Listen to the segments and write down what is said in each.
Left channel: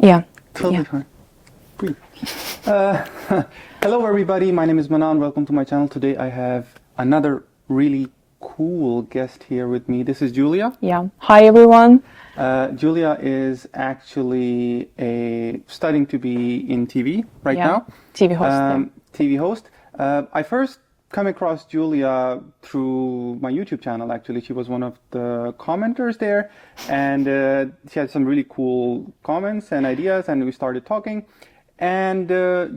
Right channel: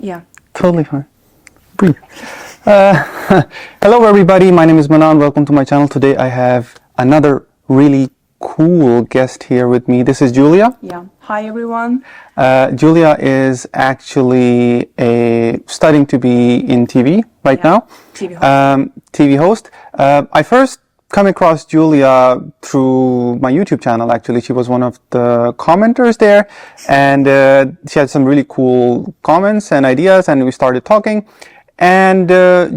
Yeah. Totally fine. Breathe. Hello everybody, my name is Manan. Welcome to my channel. Today I have another really cool guest here with me. This is Julia. Yeah. Hi everyone. Julia is actually studying to be in TV right now. TV host. TV host. I first come across Julia through my YouTube channel. Actually, she was one of the commenters there, and she had some really cool comments and ideas, and we started talking. And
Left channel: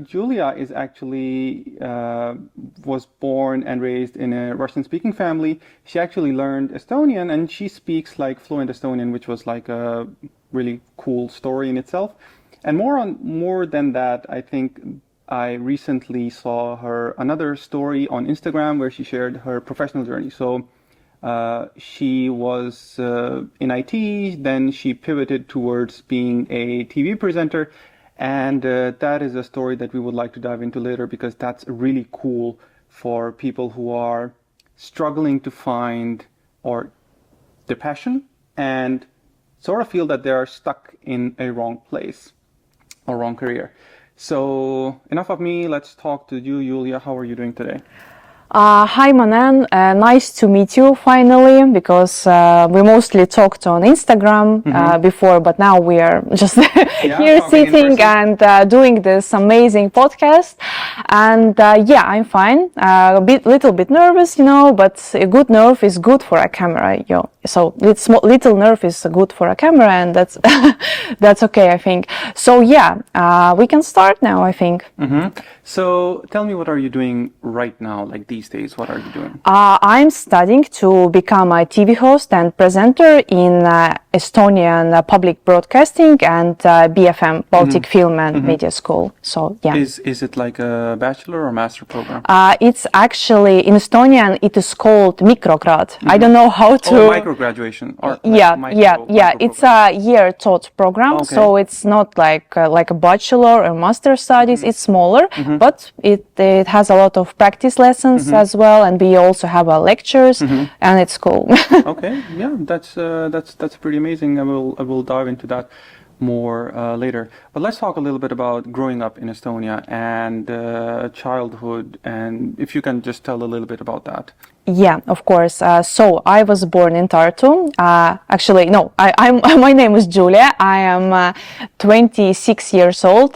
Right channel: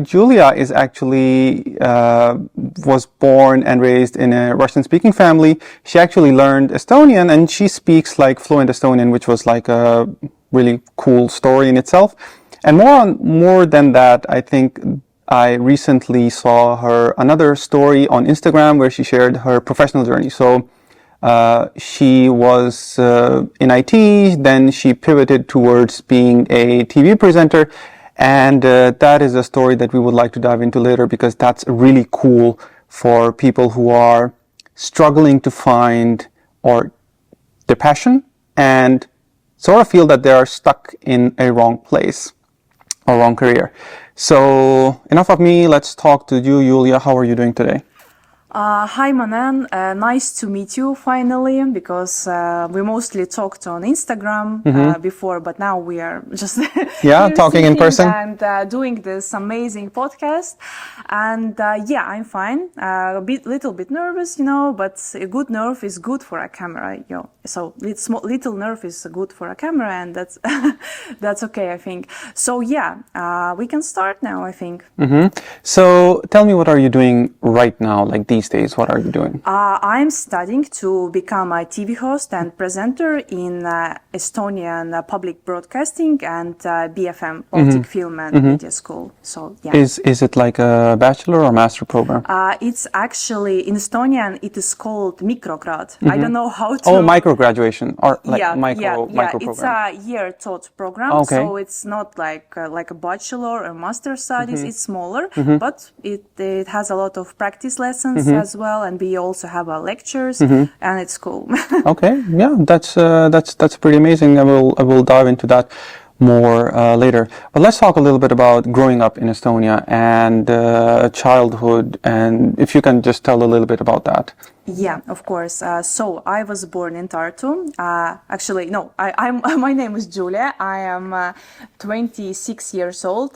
Julia is actually was born and raised in a Russian-speaking family. She actually learned Estonian, and she speaks like fluent Estonian, which was like a really cool story in itself. And more than that, I think I recently saw her another story on Instagram where she shared her professional journey. So she was in IT, then she pivoted towards being a TV presenter. And that is a story that we would like to dive into later, because that's really cool for people who are struggling to find their passion and sort of feel that they are stuck in a wrong place or wrong career. So enough of me, let's talk to you, Julia. How are you doing today? Hi Manan, nice to meet you finally, because we mostly talked on Instagram before, but now we are just here talking in person and doing this amazing podcast. And yeah, I'm fine. Little bit nervous, you know, but a good nerve is good for a camera. So little nerve is good for a camera, and that's that's okay, I think. So yeah, we can start now, I think. So tell me, what are you doing right now, like these days? What are you doing? I'm studying to become a TV host and presenter in Estonian public broadcasting and BFM, Baltic Film and Media School. So yeah. Is it like a bachelor or master program? It's actually, in Estonian, it is called micrograd. I don't know how to... Oh, micro graduation. Or yeah. It's a year taught program, okay. So it's not like a bachelor or master studies. It's smaller, but it has a lot of practice lessons as well, and we also have lectures, and it's cool. Okay, yeah, that's pretty amazing. I will dive into that more later. But let's talk a little bit about growing up in Estonia and childhood, and if you can just tell a little bit about that. Yeah, of course. So I was born in Tartu. Actually, no, my name is Julia. I am 26 years old.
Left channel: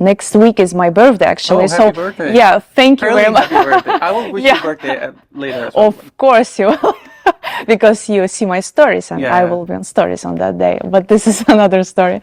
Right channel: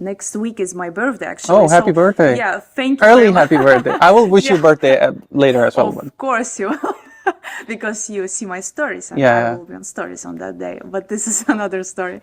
Next week is my birthday, actually. Oh, happy birthday. Yeah, thank you very much. Happy birthday. I will wish you birthday later as well. Of course you will. Because you see my stories, and I will be on stories on that day. But this is another story.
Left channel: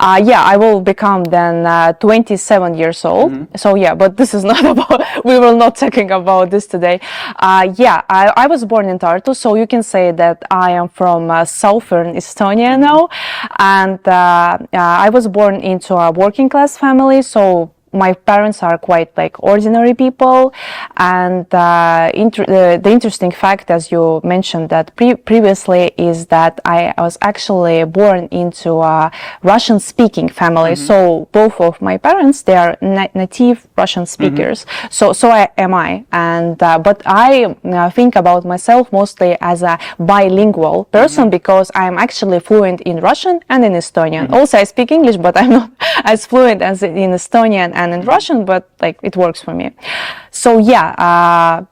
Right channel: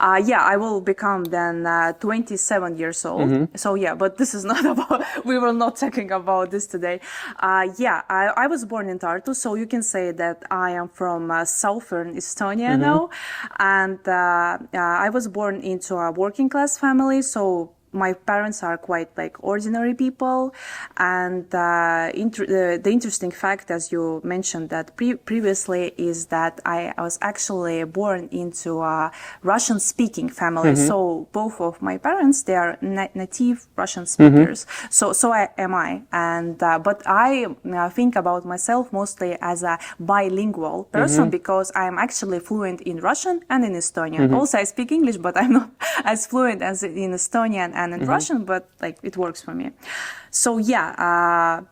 Yeah, I will become then 27 years old. So yeah, but this is not about, we will not talking about this today. Yeah, I was born in Tartu, so you can say that I am from southern Estonia now. And I was born into a working class family, so my parents are quite like ordinary people, and the interesting fact, as you mentioned that previously, is that I was actually born into a Russian-speaking family. So both of my parents, they are native Russian speakers. So am I, and but I think about myself mostly as a bilingual person, because I am actually fluent in Russian and in Estonian. Also, I speak English, but I'm not as fluent as in Estonian and in Russian, but like it works for me. So yeah.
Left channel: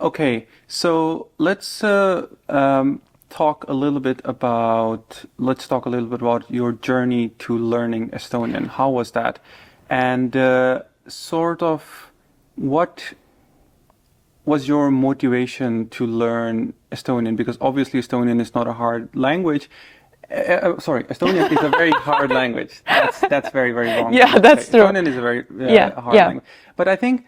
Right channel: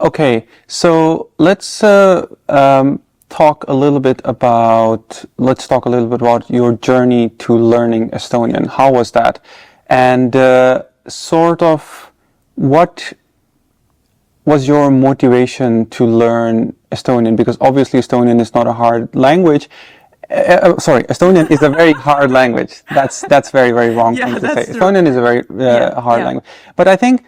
Okay, so let's talk a little bit about your journey to learning Estonian. How was that, and sort of what was your motivation to learn Estonian? Because obviously Estonian is not a hard language. Estonian is a very hard language. That's very, very wrong. Yeah, that's say. True. Estonian is a very hard language. But I think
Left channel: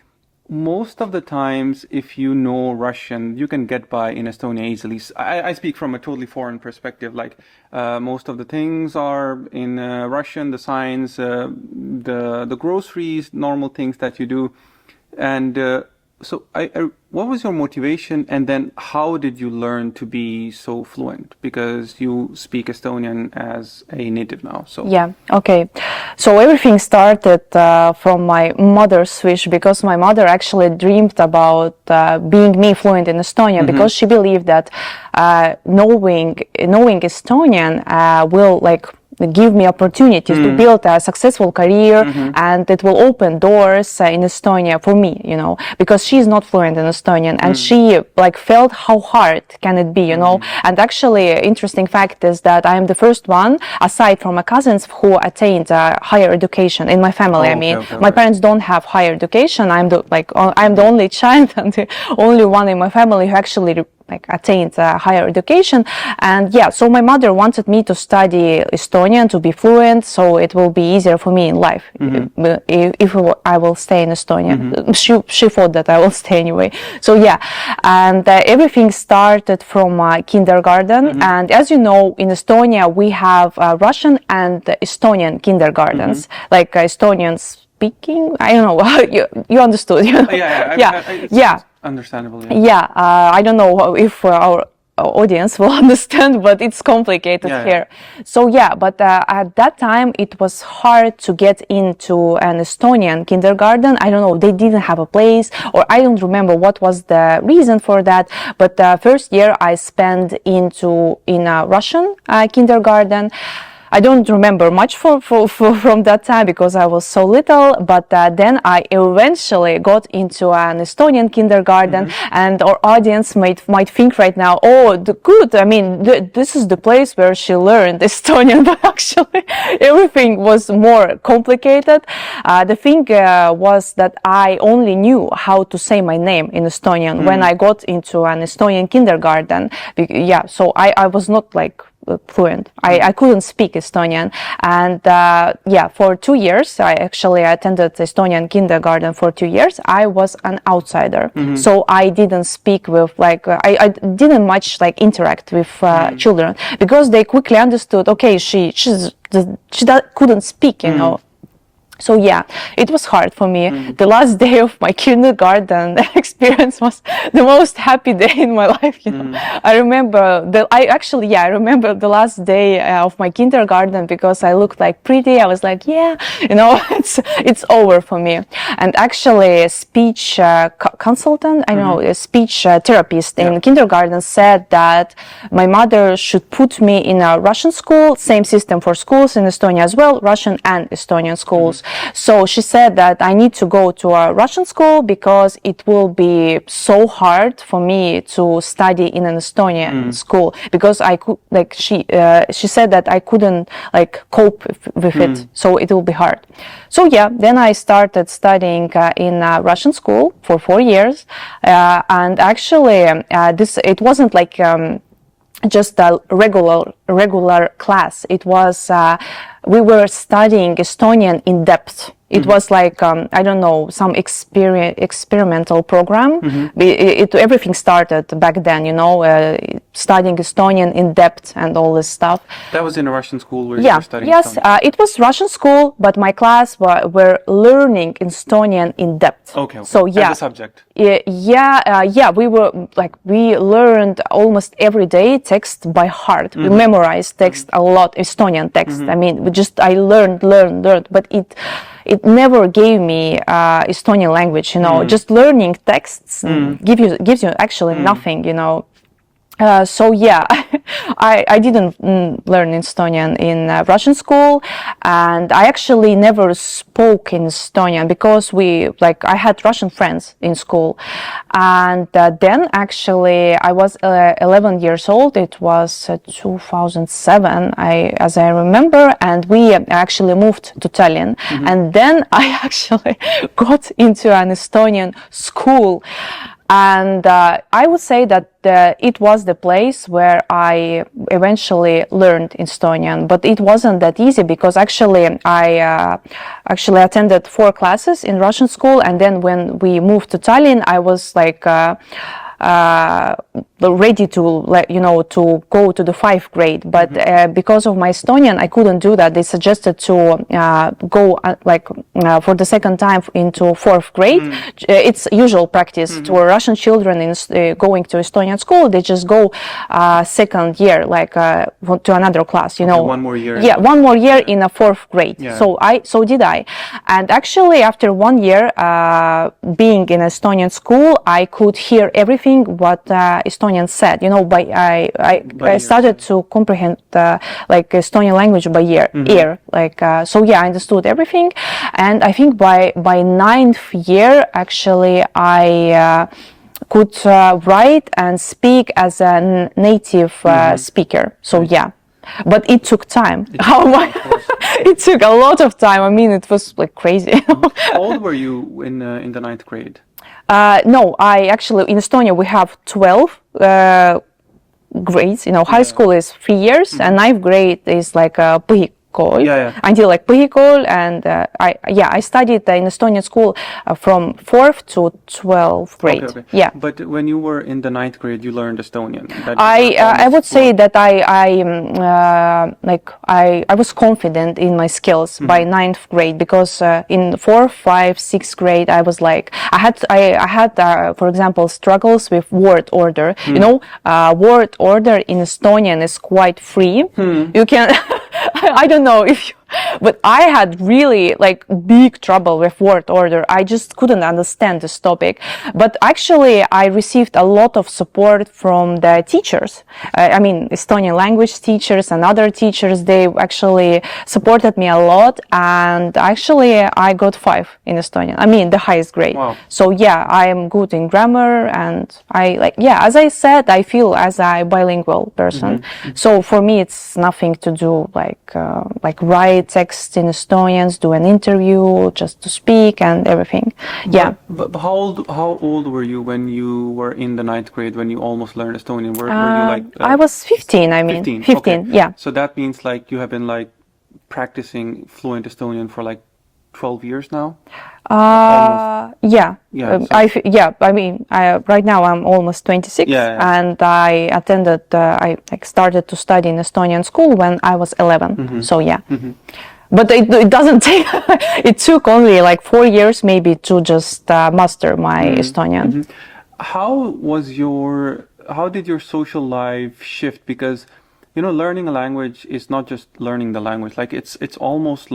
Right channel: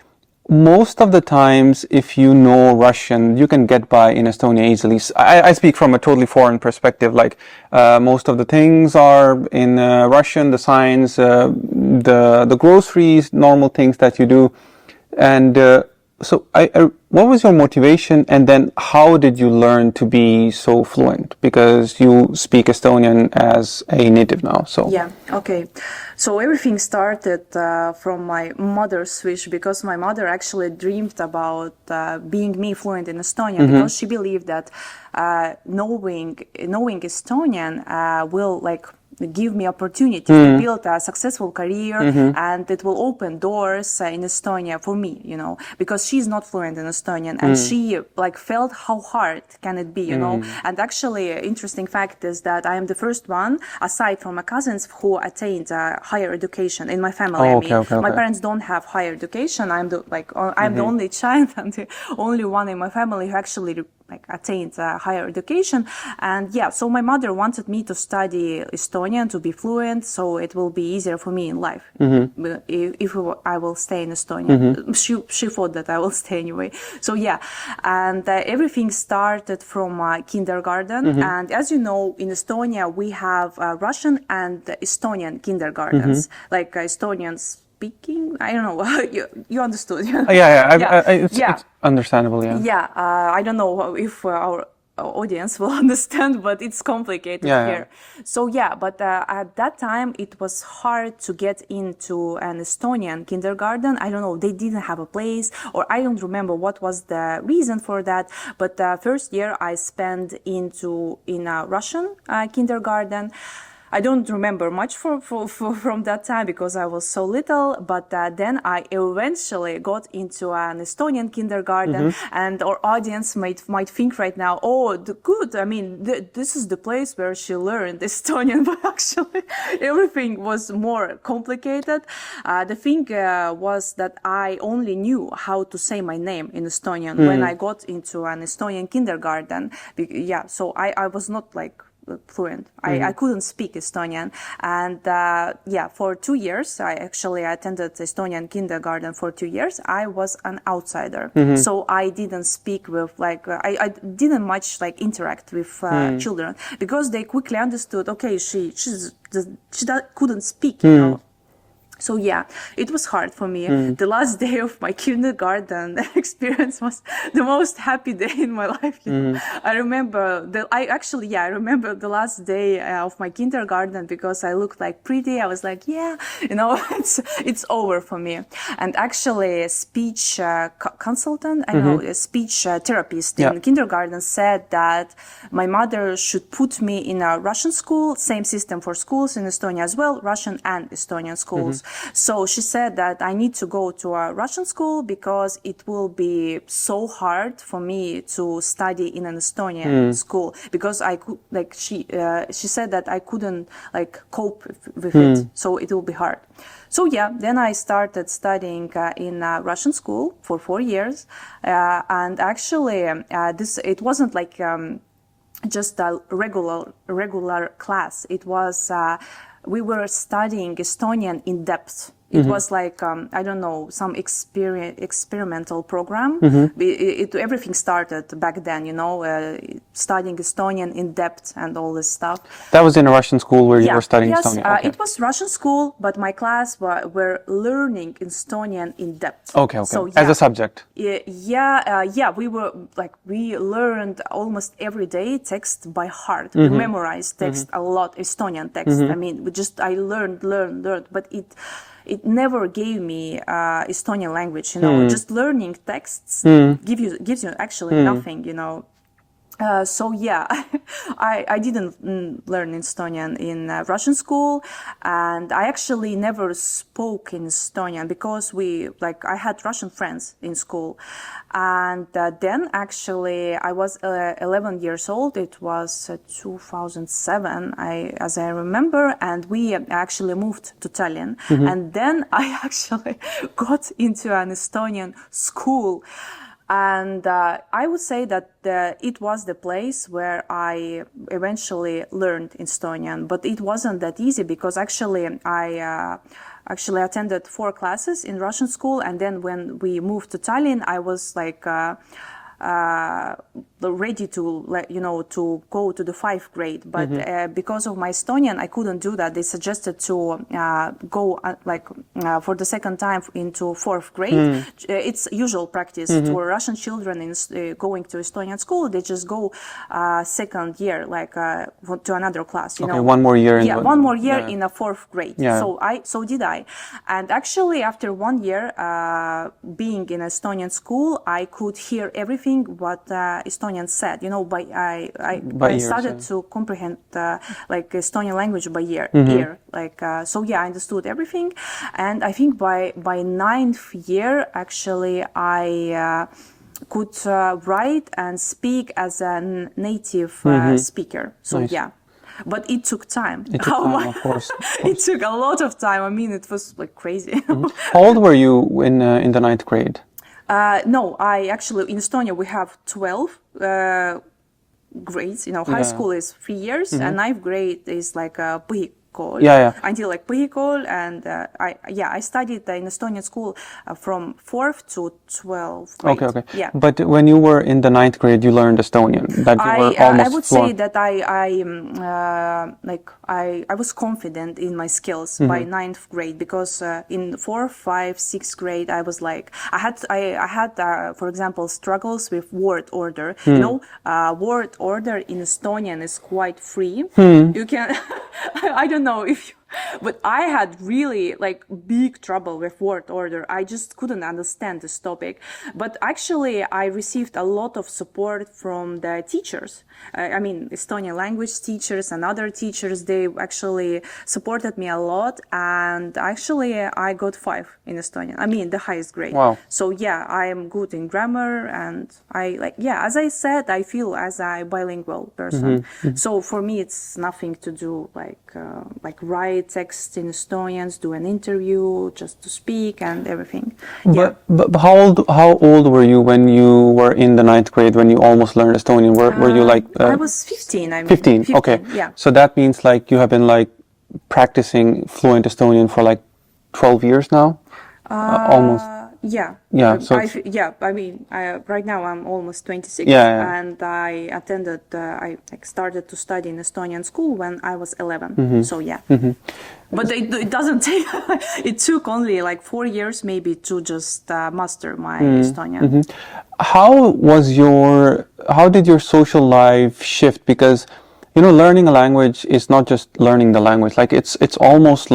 most of the times, if you know Russian, you can get by in Estonia easily. I speak from a totally foreign perspective. Like most of the things are in Russian, the signs, the groceries, normal things that you do. And so I what was your motivation, and then how did you learn to be so fluent? Because you speak Estonian as a native now, so. Yeah, okay. So everything started from my mother's wish, because my mother actually dreamed about being me fluent in Estonian, because she believed that knowing Estonian will like give me opportunities to build a successful career, and it will open doors in Estonia for me, you know, because she's not fluent in Estonian, and she like felt how hard can it be, you know. And actually, interesting fact is that I am the first one, aside from my cousins, who attained higher education in my family. My parents don't have higher education. I'm the I'm the only child and the only one in my family who actually like attained higher education. And yeah, so my mother wanted me to study Estonian, to be fluent, so it will be easier for me in life if I will stay in Estonia. She thought that I will stay anyway. So yeah, and everything started from kindergarten. And as you know, in Estonia we have Russian and Estonian kindergartens, like Estonian speaking. I don't know. you understood? It's understandable. I don't know if our audience will understand, but it's complicated here. So yeah, but at that time it was hard to get into an Estonian kindergarten. I don't know, they didn't have a place, or I don't remember what was the reason for that. But the first year I spent in a Russian kindergarten. I don't remember much from that time because I was so little, but then I eventually got into an Estonian kindergarten, and our audience might think right now, oh, good, I mean, this is the place where she learned Estonian, but actually everything was more complicated. The thing was that I only knew how to say my name in Estonian when I got into an Estonian kindergarten. Yeah, so I was not like fluent. I couldn't speak Estonian, and for 2 years I actually attended Estonian kindergarten for 2 years. I was an outsider, so I didn't speak with I didn't much interact with children, because they quickly understood, okay, she couldn't speak, you know. So yeah, it was hard for me. The last day of my kindergarten experience was the most happy day in my life. You know? I remember I remember the last day of my kindergarten, because I looked like pretty. I was like, yeah, you know, it's over for me. And actually, a speech consultant, I don't know, a speech therapist in kindergarten said that my mother should put me in a Russian school, same system for schools in Estonia as well, Russian and Estonian schools. So she said that I need to go to a Russian school because it will be so hard for me to study in an Estonian school, because I could she said that I couldn't cope with it, so it will be hard. So yeah, then I started studying in a Russian school for 4 years, and actually it wasn't just a regular class. It was we were studying Estonian in depth. It was like, I don't know, some experimental program. Everything started back then, you know, studying Estonian in depth and all this stuff. That was in a Russian school where you were studying Estonian? Yes, it was Russian school, but my class were learning Estonian in depth. Okay. So, yeah. As a subject? We learned almost every day text by heart. We memorized text a lot, Estonian text. I mean, I learned, but it never gave me Estonian language, you know. Just learning texts gives you actually nothing, you know. So yeah, I didn't learn Estonian in Russian school, and I actually never spoke in Estonian because I had Russian friends in school, and then actually I was 11 years old. It was 2007, as I remember, and we actually moved to Tallinn, and then I actually got into an Estonian school. And I would say that it was the place where I eventually learned Estonian, but it wasn't that easy because actually I attended 4 classes in Russian school, and then when we moved to Tallinn, I was ready to to go to the 5th grade, but because of my Estonian I couldn't do that. They suggested to go for the second time into 4th grade. It's usual practice to Russian children in going to Estonian school. They just go second year to another class, one more year one more year in a 4th grade. So did I, and actually after 1 year being in Estonian school, I could hear everything what Estonians said. I started to comprehend Estonian language by ear. I understood everything, and I think by 9th year actually I could write and speak as a native speaker. So but it took time. It took a lot of time. I mean, it was crazy. How old were you in the 9th grade? No, I actually, in Estonia we have 12 grades. High school is 3 years, and 9th grade is like a põhikool. Until põhikool, and I studied in Estonian school from 4th to 12th grade. Okay. But when you were in the 9th grade, you learned Estonian. I would say that I was confident in my skills by 9th grade, because in 4th, 5th, 6th grade I was I had for example struggles with word order. Word order in Estonian is quite free. You can I don't know if you, but I had really big trouble with word order. I just couldn't understand this topic. But actually I received a lot of support from the teachers. I mean, Estonian language teachers and other teachers, they actually supported me a lot, and actually I got 5 in Estonian. I mean, the highest grade. Wow. So I am good in grammar, and as I said, I feel as a bilingual person. So for me it's nothing to do write text in Estonians, do an interview, just to speak and everything. But how old were you when you were in the 9th grade, when you almost learned Estonian? Were you I was 15, I mean. 15, okay. Yeah. So that means you have been practicing fluent Estonian for 12 years now? Almost. Yeah. I mean, right now I'm almost 26, and I attended. I started to study in Estonian school when I was 11. So but it doesn't take. It took only 4 years maybe to just master my Estonian. How did your social life shift? Because learning a language is not just learning the language. It's almost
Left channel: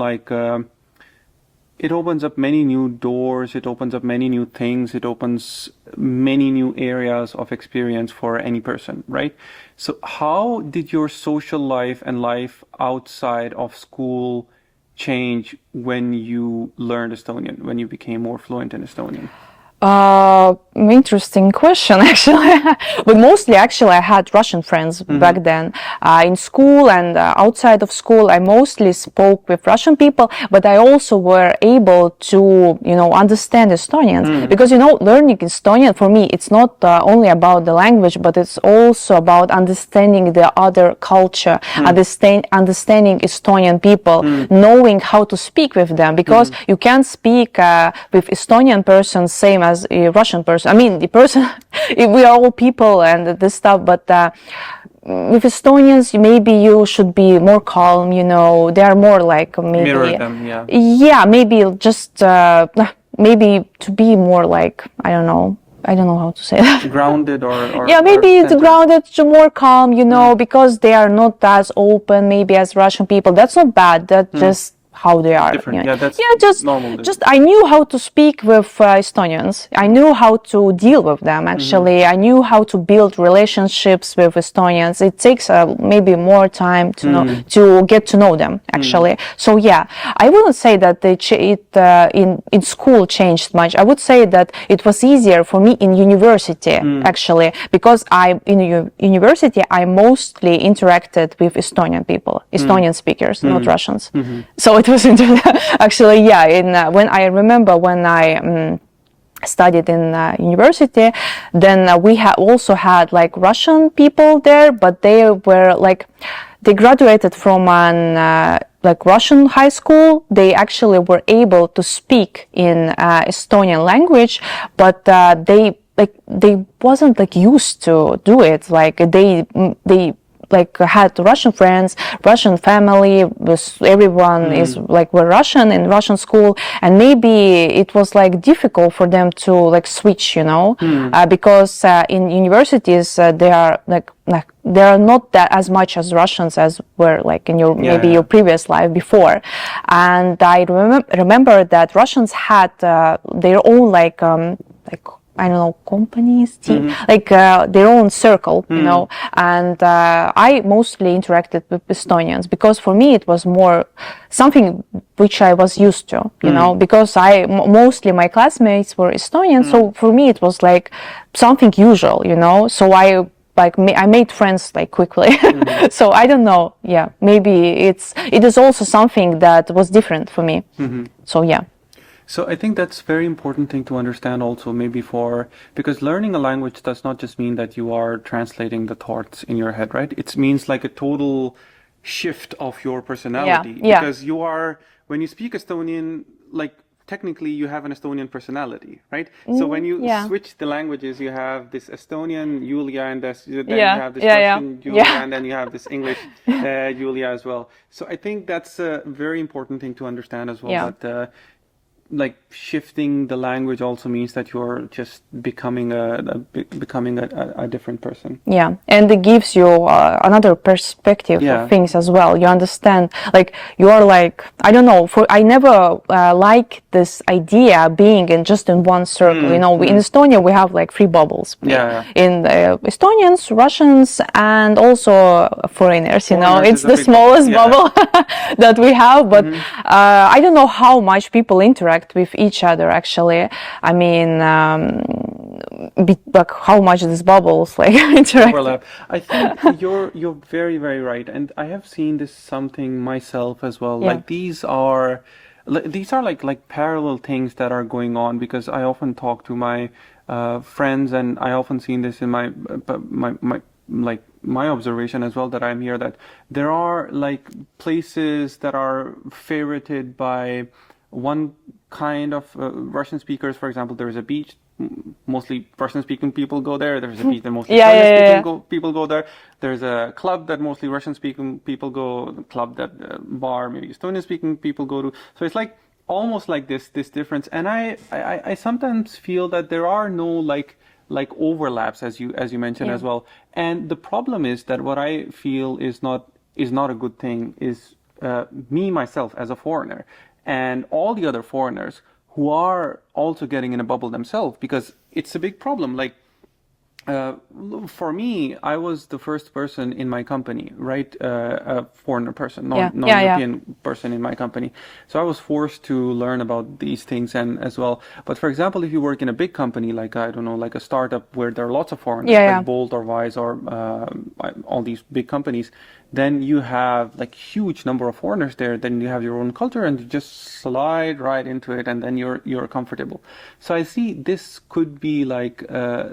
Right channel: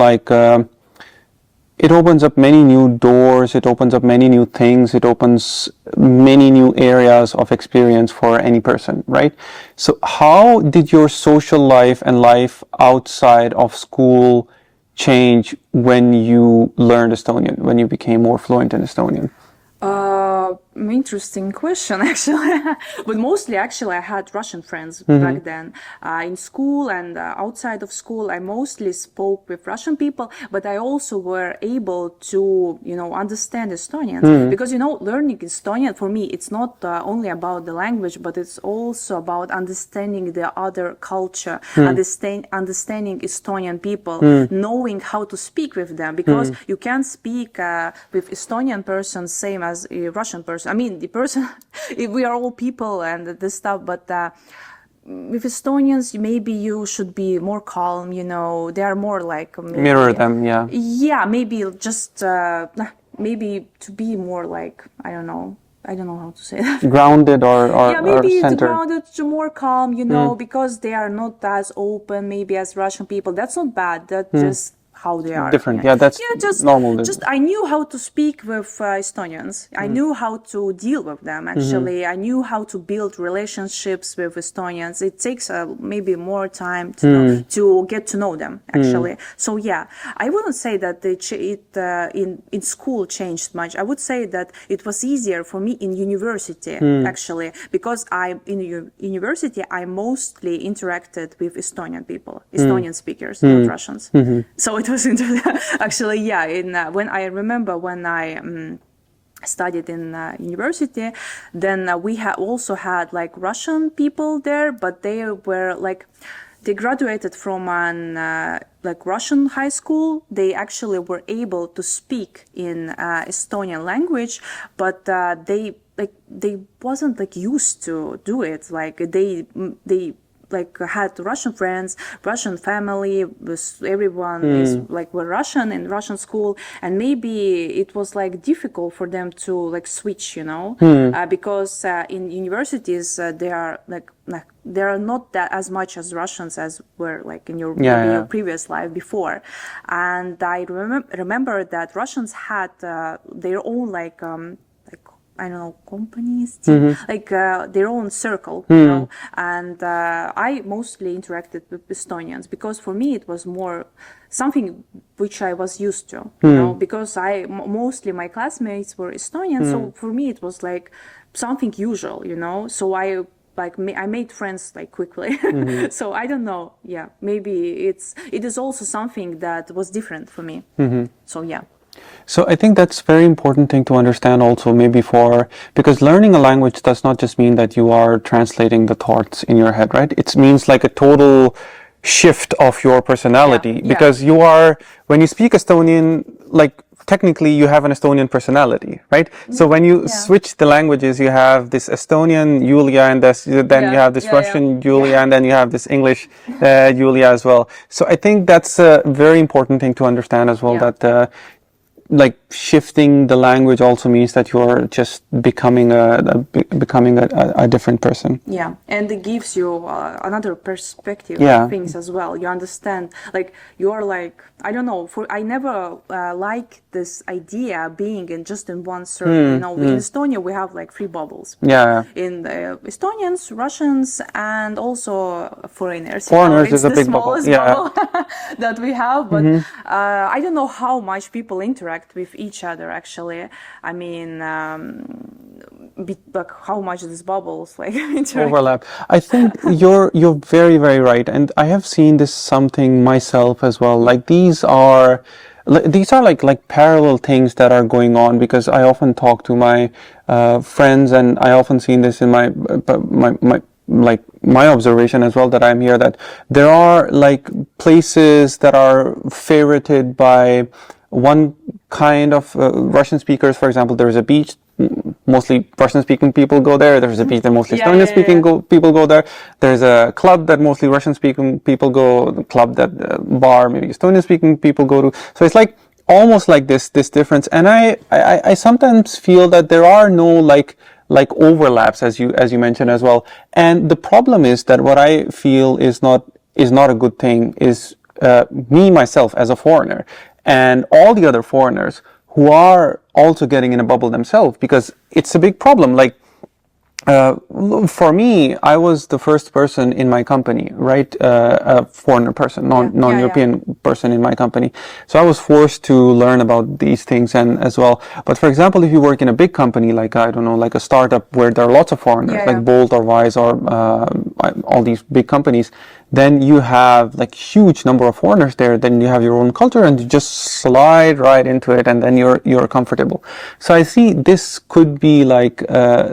it opens up many new doors, it opens up many new things, it opens many new areas of experience for any person, right? So how did your social life and life outside of school change when you learned Estonian, when you became more fluent in Estonian? Interesting question, actually. But mostly, actually, I had Russian friends back then. In school and outside of school, I mostly spoke with Russian people, but I also were able to, understand Estonians. Because, learning Estonian, for me, it's not only about the language, but it's also about understanding the other culture, understanding Estonian people, knowing how to speak with them. Because you can't speak with Estonian person same as a Russian person. I mean, the person, we are all people and this stuff, but with Estonians, maybe you should be more calm, they are more maybe... Mirror them, Yeah, maybe just, maybe to be more I don't know how to say that. Grounded or maybe or grounded, more calm, because they are not as open maybe as Russian people. That's not bad, that just how they are. Different. That's normal. Just I knew how to speak with Estonians. I knew how to deal with them, actually. I knew how to build relationships with Estonians. It takes maybe more time to know, to get to know them, actually. So I wouldn't say that in school changed much. I would say that it was easier for me in university, actually, because in university I mostly interacted with Estonian people, Estonian speakers, not Russians. So it was actually, when I remember when I studied in university, then we also had Russian people there, but they were they graduated from an Russian high school. They actually were able to speak in Estonian language, but they like they wasn't like used to do it. Like they like had Russian friends, Russian family, everyone is like were Russian in Russian school, and maybe it was like difficult for them to like switch, because in universities they are like they are not that as much as Russians as were like in your maybe your previous life before. And I remember that Russians had their own like I don't know, companies, like their own circle, and I mostly interacted with Estonians because for me it was more something which I was used to, because mostly my classmates were Estonian, so for me it was like something usual, so I made friends like quickly. So I don't know, maybe it is also something that was different for me. So yeah. So I think that's a very important thing to understand also, maybe because learning a language does not just mean that you are translating the thoughts in your head, right? It means like a total shift of your personality, because when you speak Estonian, like technically you have an Estonian personality, right? So when you switch the languages, you have this Estonian Julia, and then you have this Russian Julia, and then you have this English Julia as well. So I think that's a very important thing to understand as well, that like shifting the language also means that you're just becoming a different person. Yeah, and it gives you another perspective of things as well. You understand, like you are like, I don't know. I never like this idea being in one circle. In Estonia we have like 3 bubbles. In Estonians, Russians, and also foreigners. It's the smallest bubble that we have. But I don't know how much people interact with each other actually. I mean, like how much these bubbles like interact. Overlap. I think you're very, very right, and I have seen this something myself as well. Like these are like parallel things that are going on, because I often talk to my friends, and I often seen this in my observation as well, that I'm here, that there are like places that are favorited by one kind of Russian speakers. For example, there is a beach, mostly Russian-speaking people go there. There's a beach that mostly Estonian-speaking people go there. There's a club that mostly Russian-speaking people go. The club bar maybe Estonian-speaking people go to. So it's like almost like this difference. And I sometimes feel that there are no like overlaps, as you mentioned as well. And the problem is that what I feel is not a good thing is me myself as a foreigner, and all the other foreigners who are also getting in a bubble themselves, because it's a big problem. Like, for me, I was the first person in my company, right? A foreigner person, non-European person in my company. So I was forced to learn about these things and as well. But for example, if you work in a big company, like, I don't know, like a startup where there are lots of foreigners, like Bolt or Wise or all these big companies, then you have like huge number of foreigners there. Then you have your own culture, and you just slide right into it, and then you're comfortable. So I see this could be like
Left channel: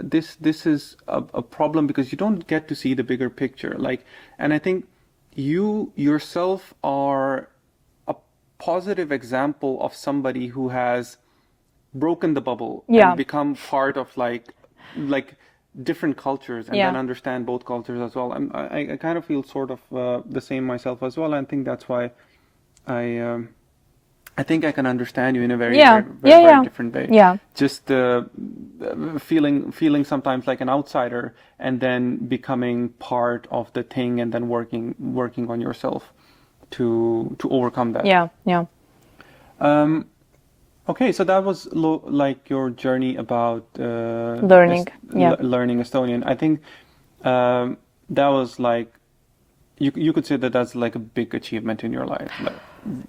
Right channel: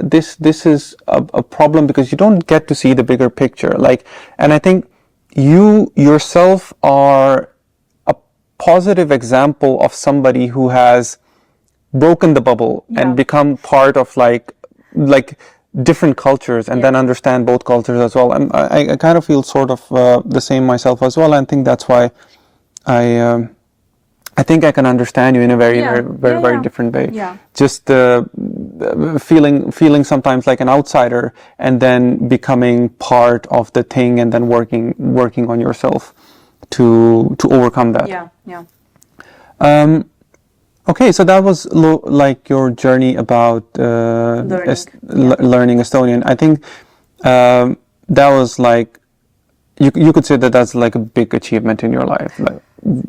this is a problem, because you don't get to see the bigger picture. Like, and I think you yourself are a positive example of somebody who has broken the bubble and become part of like different cultures, and then understand both cultures as well. And I kind of feel sort of the same myself as well. And I think that's why I think I can understand you in a very different way. Yeah. Just feeling sometimes like an outsider, and then becoming part of the thing, and then working on yourself to overcome that. Yeah. Okay, so that was like your journey about learning Estonian. I think that was like, you could say that that's like a big achievement in your life. Like,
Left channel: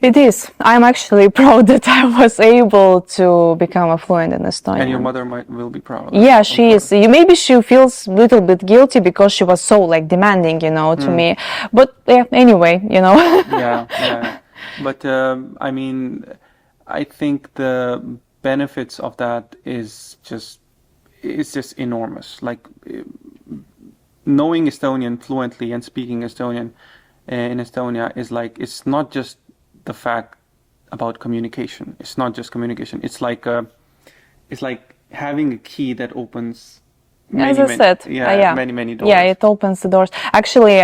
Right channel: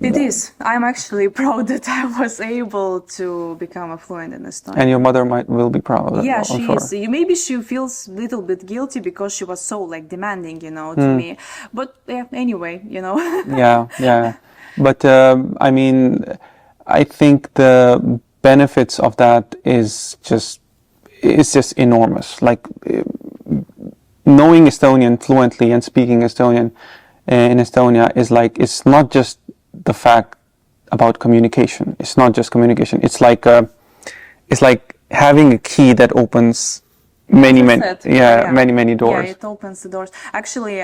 it is. I'm actually proud that I was able to become fluent in Estonian. And your mother will be proud. Yeah, she is. Maybe she feels a little bit guilty because she was so like demanding, to me. But anyway, Yeah. But I mean, I think the benefits of that is just enormous. Like, knowing Estonian fluently and speaking Estonian in Estonia is like, it's not just the fact about communication. It's not just communication. It's like having a key that opens many doors. Yeah, it opens the doors. Actually,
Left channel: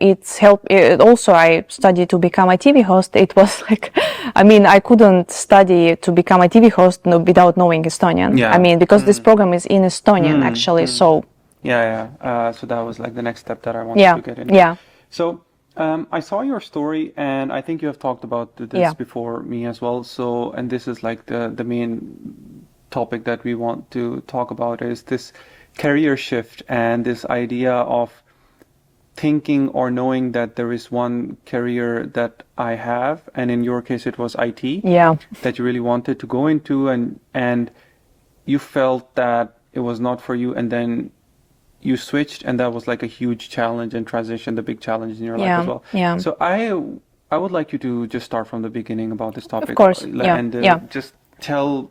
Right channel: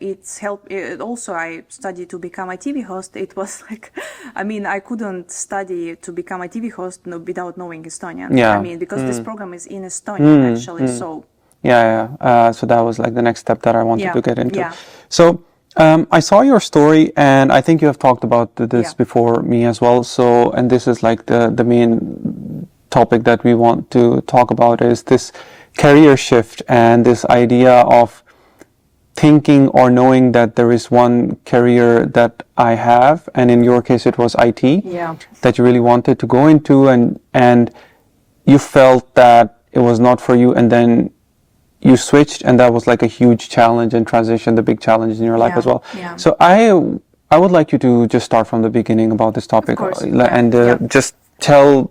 it's helped. Also, I studied to become a TV host. It was like, I mean, I couldn't study to become a TV host without knowing Estonian. I mean, because this program is in Estonian actually. So so that was like the next step that I wanted to get into. Yeah. So I saw your story, and I think you have talked about this before me as well. So, and this is like the main topic that we want to talk about, is this career shift and this idea of thinking or knowing that there is one career that I have, and in your case it was IT, that you really wanted to go into, and you felt that it was not for you, and then you switched, and that was like a huge challenge and transition, the big challenge in your life as well. So I would like you to just start from the beginning about this topic, of course. and just tell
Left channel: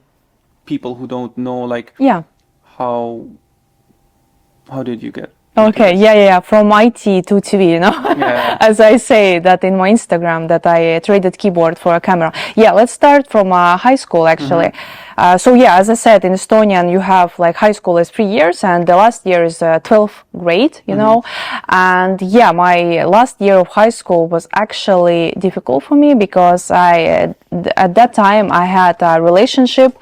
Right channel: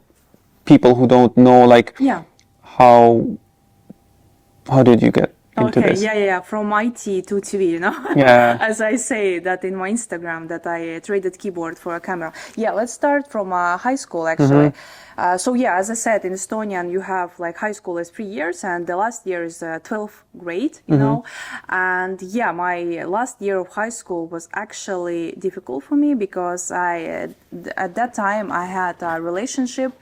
people who don't know, like, how did you get into this? From IT to TV, you know. As I say that in my Instagram, that I traded keyboard for a camera. Let's start from high school actually. As I said, in Estonian you have like high school is 3 years, and the last year is 12th grade, you know. And my last year of high school was actually difficult for me, because at that time I had a relationship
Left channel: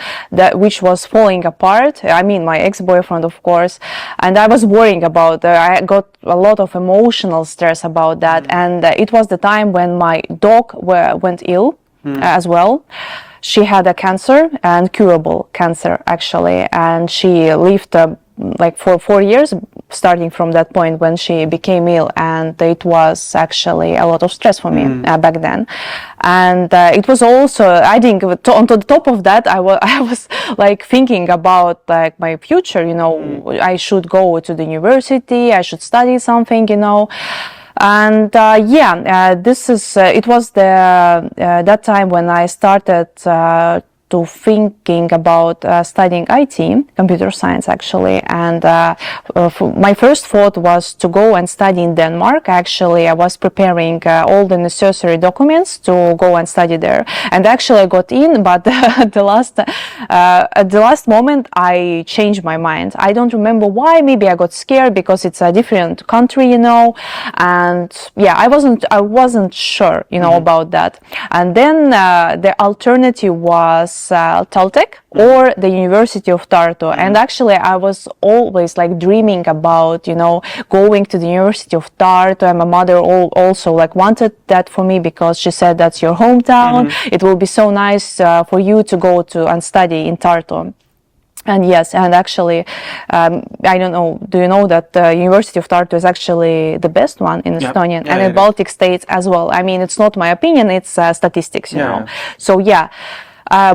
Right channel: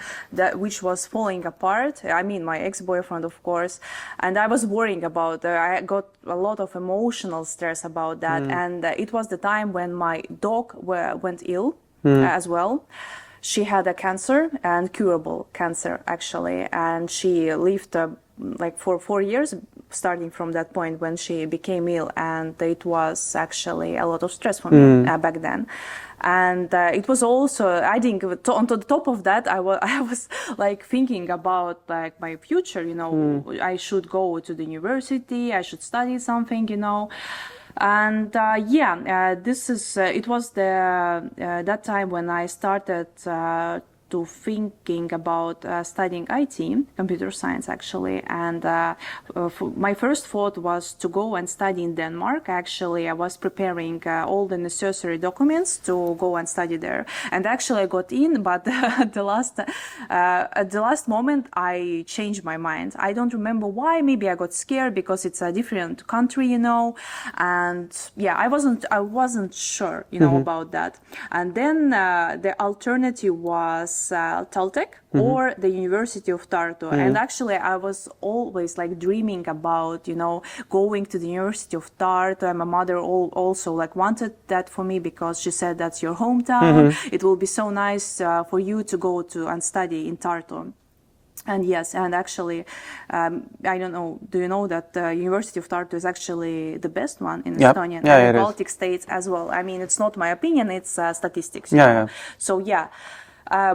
which was falling apart. I mean, my ex-boyfriend, of course, and I was worrying about. I got a lot of emotional stress about that, and it was the time when my dog went ill as well. She had a cancer, and curable cancer actually, and she lived like for 4 years, starting from that point when she became ill, and it was actually a lot of stress for me back then. And it was also, I think, on the top of that, I was like thinking about like my future, you know. I should go to the university, I should study something, you know. And this is it was that time when I started to thinking about studying IT, computer science actually, and my first thought was to go and study in Denmark. Actually, I was preparing all the necessary documents to go and study there, and actually I got in, but at the last moment I changed my mind. I don't remember why. Maybe I got scared because it's a different country, you know, and I wasn't sure, you know, about that. And then the alternative was Taltech or the University of Tartu. And actually I was always like dreaming about, you know, going to the University of Tartu, and my mother also like wanted that for me, because she said that's your hometown. It will be so nice for you to go to and study in Tartu. And yes, and actually, I don't know, do you know that the University of Tartu is actually the best one in Estonian and in Baltic states as well? I mean, it's not my opinion, it's statistics, you know. So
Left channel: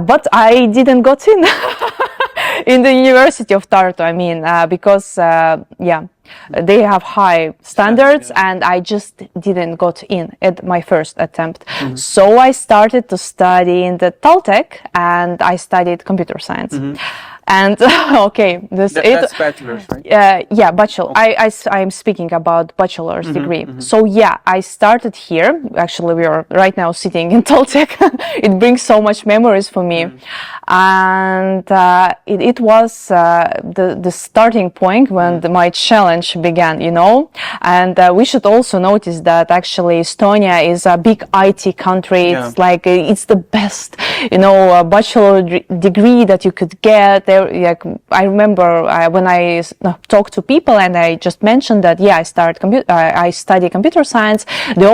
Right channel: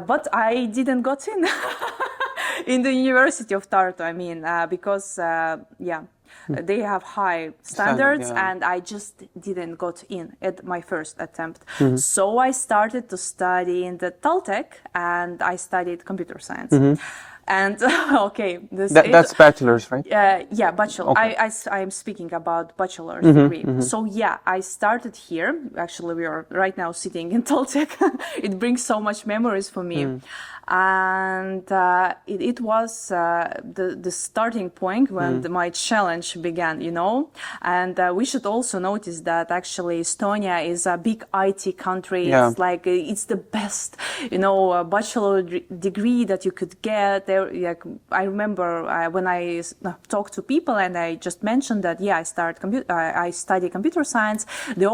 but I didn't got in in the University of Tartu, I mean, because, they have high standards, and I just didn't got in at my first attempt. So I started to study in the Taltech, and I studied computer science. And that's bachelor's, right? Bachelor. Okay. I'm speaking about bachelor's degree. So I started here. Actually, we are right now sitting in Taltech. It brings so much memories for me. And it was the starting point when my challenge began, you know. And we should also notice that actually Estonia is a big IT country. It's like it's the best, you know, bachelor degree that you could get. Like, I remember when I talked to people and I just mentioned that I study computer science, they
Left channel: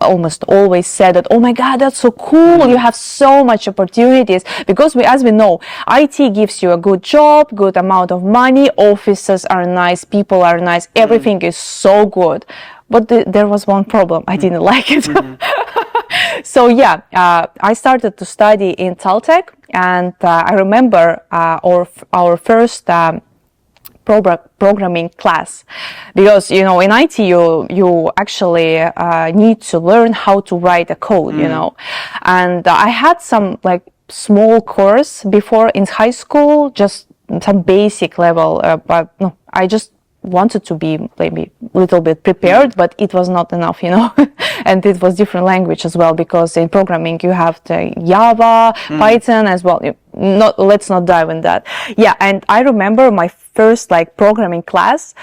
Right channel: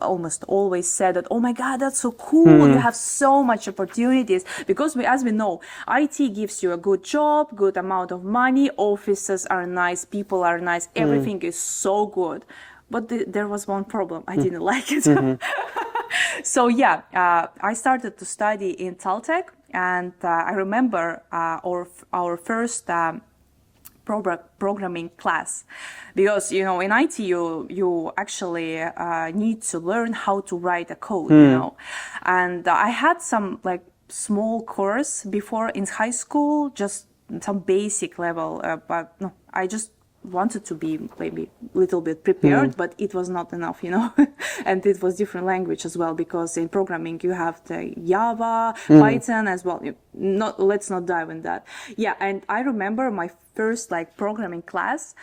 almost always said that, oh my God, that's so cool, you have so much opportunities, because as we know, IT gives you a good job, good amount of money, offices are nice, people are nice, everything is so good. But there was one problem, I didn't like it. So I started to study in Taltech, and I remember our first programming class, because, you know, in IT you actually need to learn how to write a code, you know. And I had some like small course before in high school, just some basic level, but no, I just wanted to be maybe a little bit prepared, but it was not enough, you know. And it was different language as well, because in programming you have the Java, Python as well. let's not dive in that. Yeah, and I remember my first like programming class.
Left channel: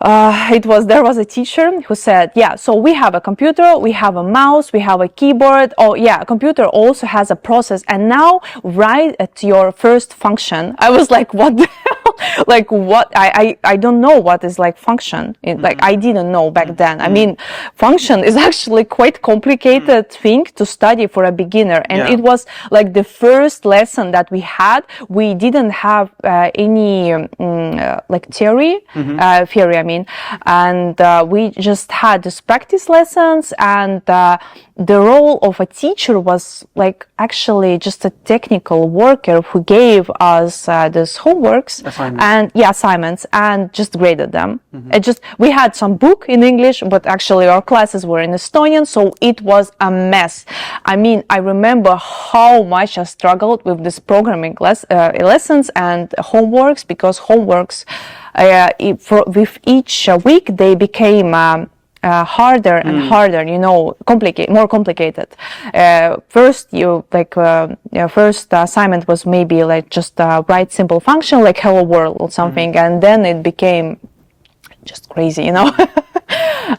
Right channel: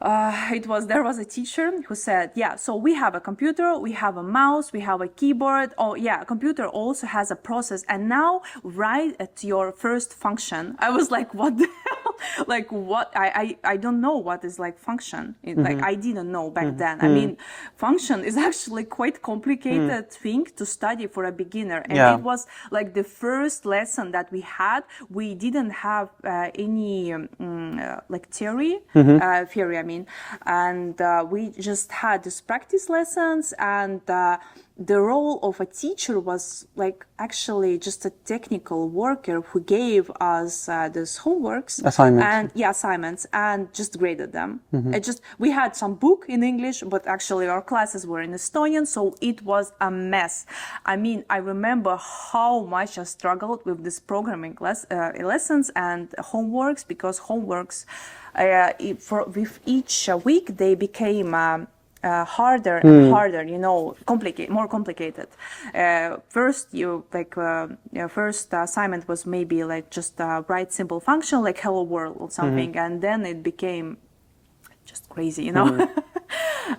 There was a teacher who said, yeah, so we have a computer, we have a mouse, we have a keyboard. Oh yeah, a computer also has a process. And now write at your first function. I was like, what the hell? Like what? I don't know what is like function. Like I didn't know back then. I mean, function is actually quite complicated thing to study for a beginner. And it was like the first lesson that we had. We didn't have any like theory, and we just had these practice lessons, and the role of a teacher was like actually just a technical worker who gave us these homeworks assignments and just graded them. We had some book in English, but actually our classes were in Estonian, so it was a mess. I mean, I remember how much I struggled with this programming lessons and homeworks, because homeworks with each week they became harder and harder, more complicated. First first assignment was maybe like just write simple function like hello world or something, and then it became just crazy,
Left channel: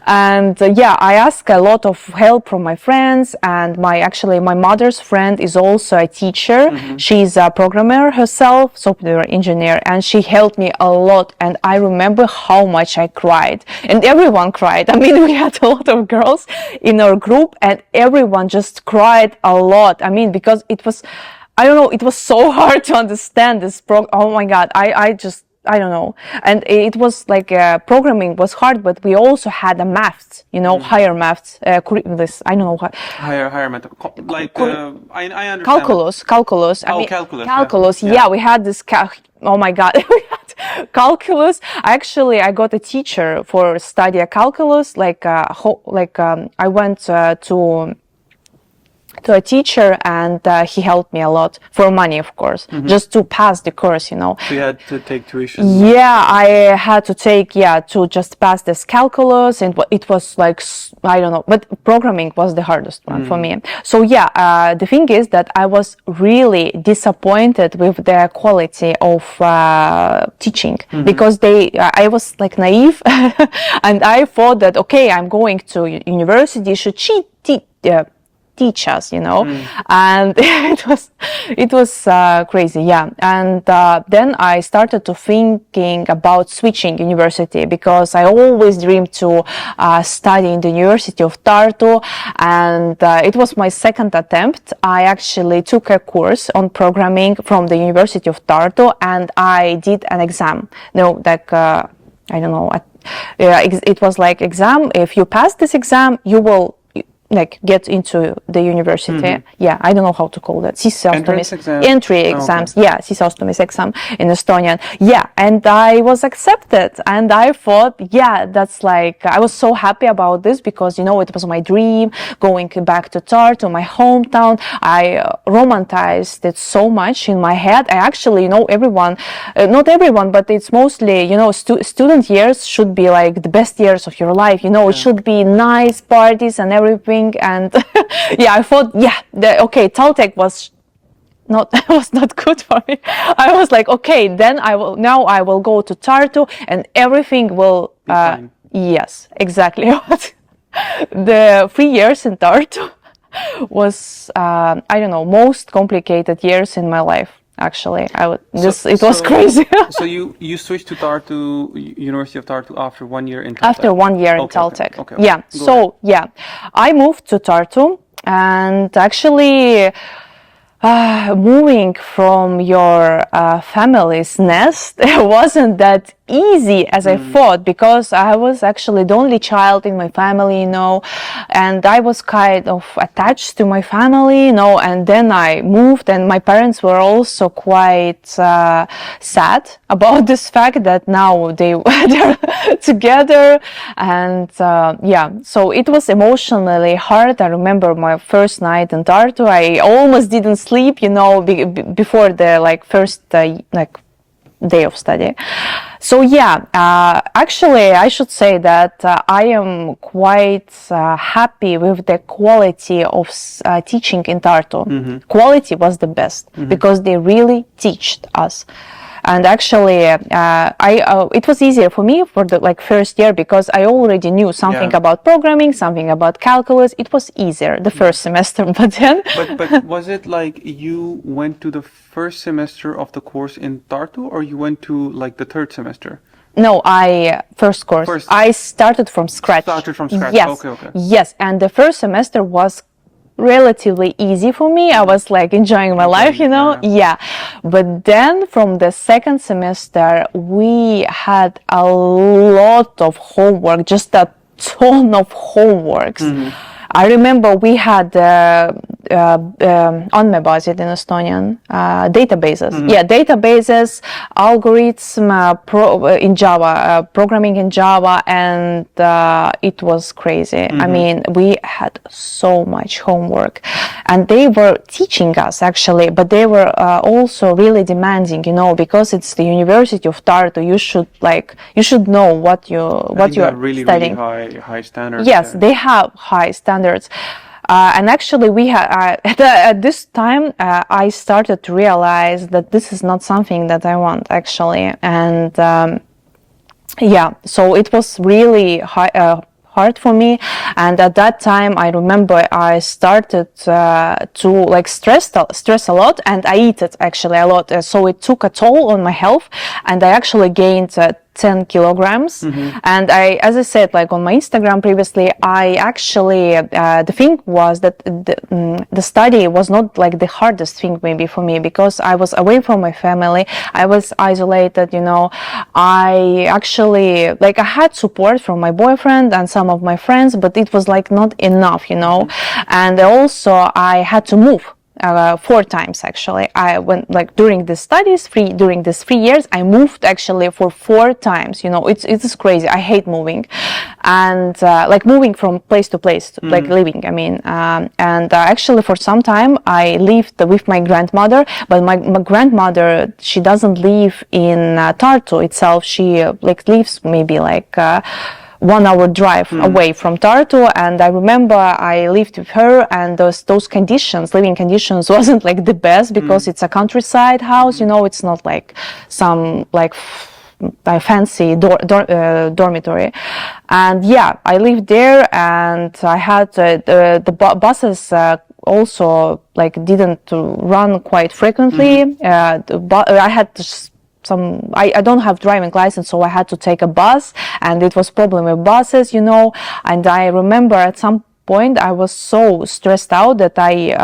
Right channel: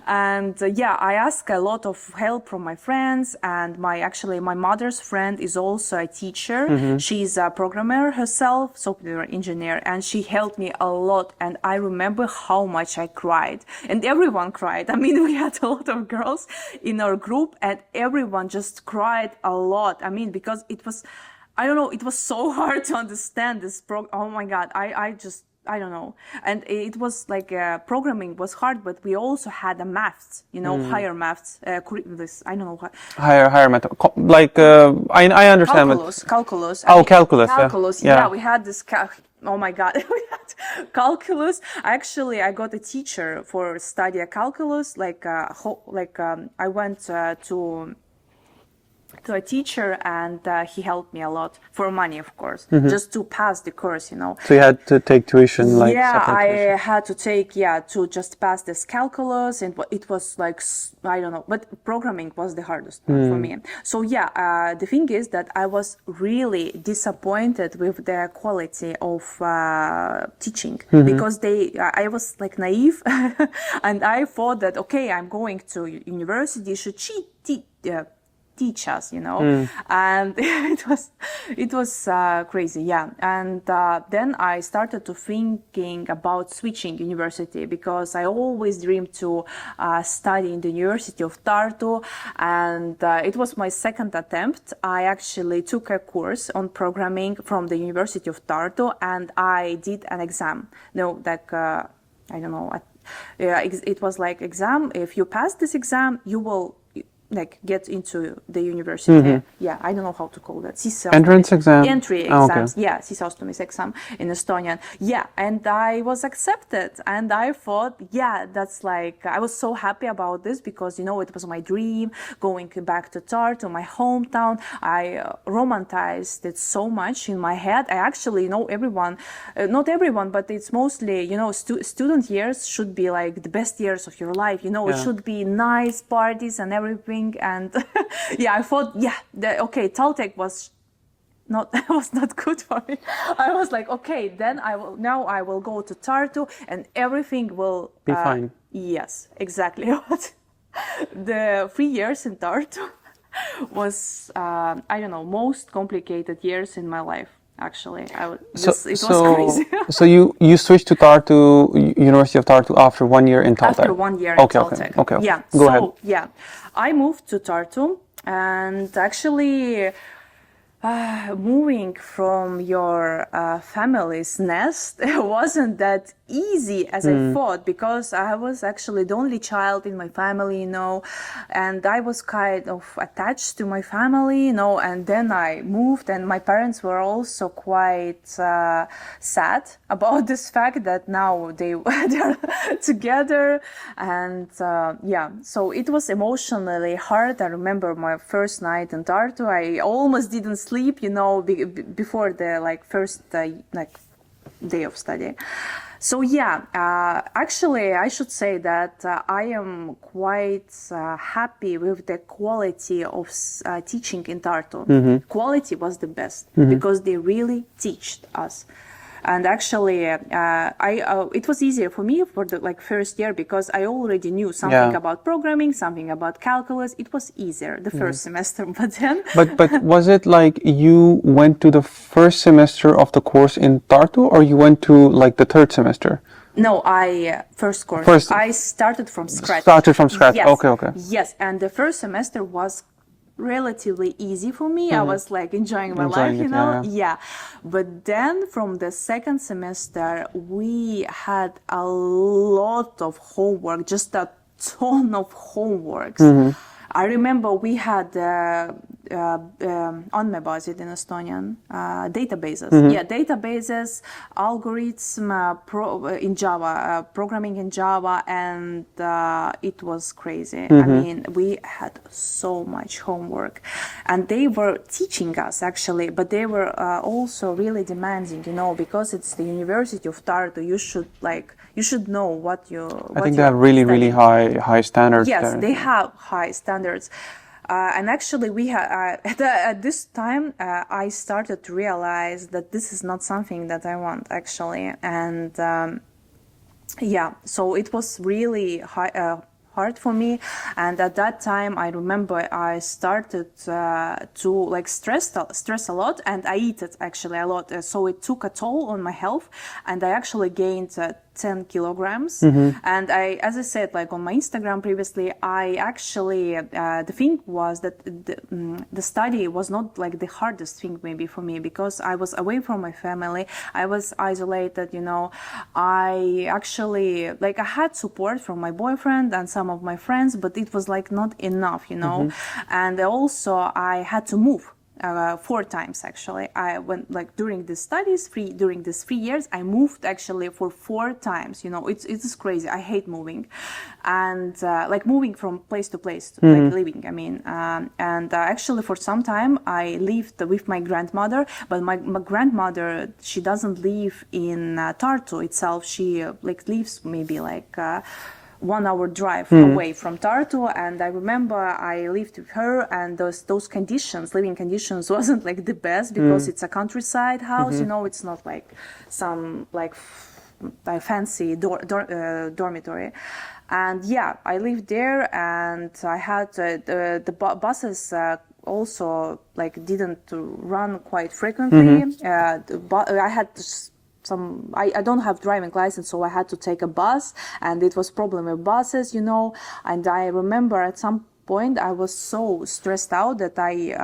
And I asked a lot of help from my friends, and my mother's friend is also a teacher. She's a programmer herself, software engineer, and she helped me a lot. And I remember how much I cried, and everyone cried. I mean, we had a lot of girls in our group, and everyone just cried a lot. I mean, because it was, I don't know, it was so hard to understand this oh my God, I don't know. And it was like programming was hard, but we also had a maths, higher maths. I don't know what. Higher math. I understand. Calculus. Calculus. Yeah, we had this. Oh my God, we had calculus. Actually, I got a teacher for study calculus. I went to a teacher, and he helped me a lot for money, of course, just to pass the course, So you had to take tuition? I had to take, to just pass this calculus, and it was like, I don't know, but programming was the hardest one for me. So the thing is that I was really disappointed with the quality of teaching, because I was like naive, and I thought that, okay, I'm going to university, should teach us, and it was crazy, and then I started to thinking about switching university, because I always dreamed to study in the University of Tartu, and it was my second attempt. I actually took a course on programming from the University of Tartu, and I did an exam. I don't know, it was like exam. If you pass this exam, you will get into the university. I don't know how to call that. Entrance exam? Entry exams. Socialization exam in Estonian. And I was accepted, and I thought, that's like, I was so happy about this, because, it was my dream, going back to Tartu, my hometown. I romanticized it so much in my head. I actually, everyone, not everyone, but it's mostly, student years should be like the best years of your life. It should be nice parties and everything. And I thought, Taltech was not good for me. I was like, okay, then I will go to Tartu, and everything will be fine. Yes, exactly. The 3 years in Tartu was most complicated years in my life. Actually, it was crazy. So you switched to Tartu, University of Tartu, after 1 year in Taltech? After 1 year in Taltech. Okay. Yeah. I moved to Tartu, and actually, moving from your family's nest wasn't that easy as I thought, because I was actually the only child in my family, and I was kind of attached to my family, and then I moved, and my parents were also quite sad about this fact that now they're together, and so it was emotionally hard. I remember my first night in Tartu, I almost didn't sleep, before the first day of study. So yeah, actually I should say that I am quite happy with the quality of teaching in Tartu. Quality was the best because they really taught us. And actually, it was easier for me for the first year because I already knew something about programming, something about calculus. It was easier the first semester, but then. But was it like you went to the first semester of the course in Tartu, or you went to like the third semester? No, first course. I started from scratch. Yes. Okay. Yes, and the first semester was relatively easy for me. I was like enjoying my life, you know. Yeah. But then from the second semester we had a lot of homework, just a ton of homeworks. I remember we had unwavering in Estonian databases. Yeah, databases, algorithm in Java, programming in Java, and it was crazy. I mean, we had so much homework, and they were teaching us actually, but they were also really demanding, you know, because it's the University of Tartu. You should know what you are really studying. Really high standards. Yes, there. they have high standards. And actually, we had at this time I started to realize that this is not something that I want actually, and yeah, so it was really hard for me. And at that time, I remember I started to like stress a lot, and I eat it actually a lot. So it took a toll on my health, and I actually gained 10 kilograms. And as I said, like on my Instagram previously, I actually, the thing was that the study was not like the hardest thing maybe for me, because I was away from my family. I was isolated, you know. I actually, like I had support from my boyfriend and some of my friends, but it was like not enough, you know. And also I had to move. 4 times actually. I went like during the studies, during these 3 years, I moved actually for 4 times. You know, it's crazy. I hate moving, and like moving from place to place, like living. I mean, and actually for some time I lived with my grandmother, but my grandmother, she doesn't live in Tartu itself. She like lives maybe like 1 hour drive away from Tartu, and I remember I lived with her, and those conditions, living conditions, wasn't like the best, because it's a countryside house, you know. It's not like some like fancy dormitory. And yeah, I lived there, and I had the buses also like didn't run quite frequently. I had I don't have driving license, so I had to take a bus, and it was problem with buses, you know. And I remember at some point I was so stressed out that I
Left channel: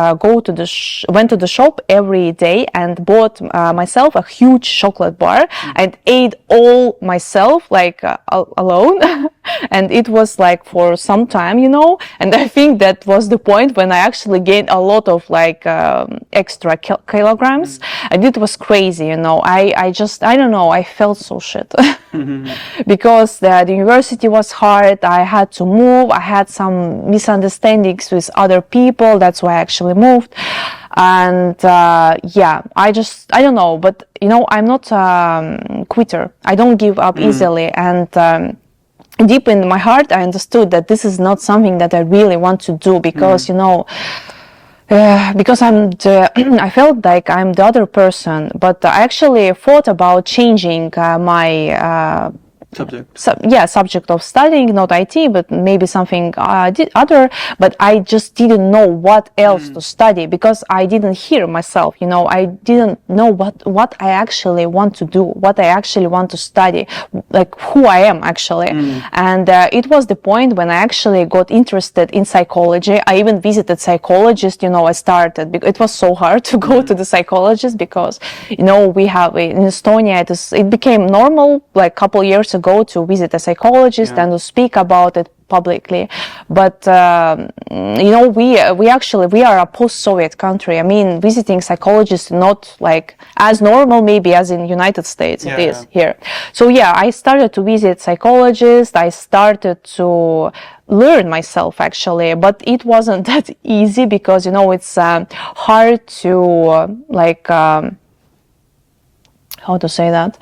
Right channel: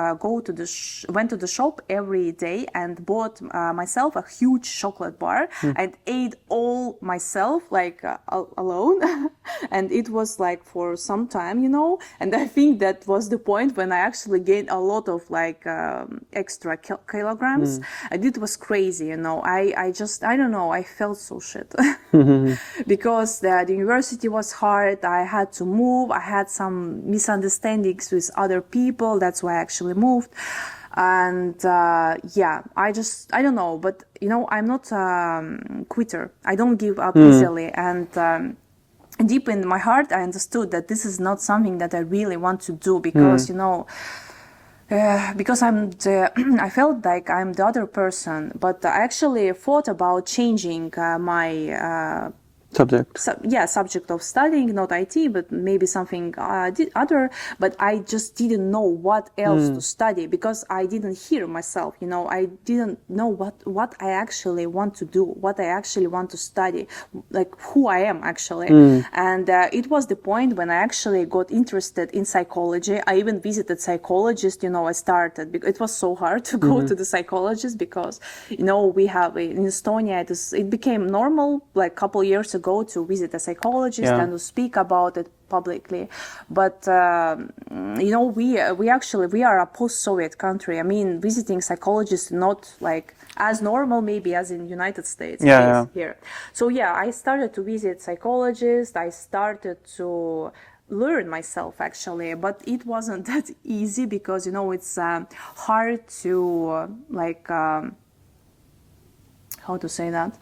went to the shop every day and bought myself a huge chocolate bar and ate all myself like alone. And it was like for some time, you know. And I think that was the point when I actually gained a lot of like extra kilograms, and it was crazy, you know. I don't know, I felt so shit because the university was hard. I had to move. I had some misunderstandings with other people. That's why I actually moved. And yeah, I don't know, but you know, I'm not a quitter. I don't give up easily. And deep in my heart, I understood that this is not something that I really want to do, because you know, because I felt like I'm the other person. But I actually thought about changing my subject of studying, not IT, but maybe something other. But I just didn't know what else to study, because I didn't hear myself, you know. I didn't know what I actually want to do, what I actually want to study, like who I am actually. And it was the point when I actually got interested in psychology. I even visited psychologists, you know. It was so hard to go to the psychologist, because, you know, we have in Estonia, it became normal like a couple years ago to visit a psychologist and to speak about it publicly. But you know, we are a post-Soviet country. I mean, visiting psychologists not like as normal maybe as in United States it is here. So yeah, I started to visit psychologists. I started to learn myself actually, but it wasn't that easy, because, you know, it's hard to how to say that,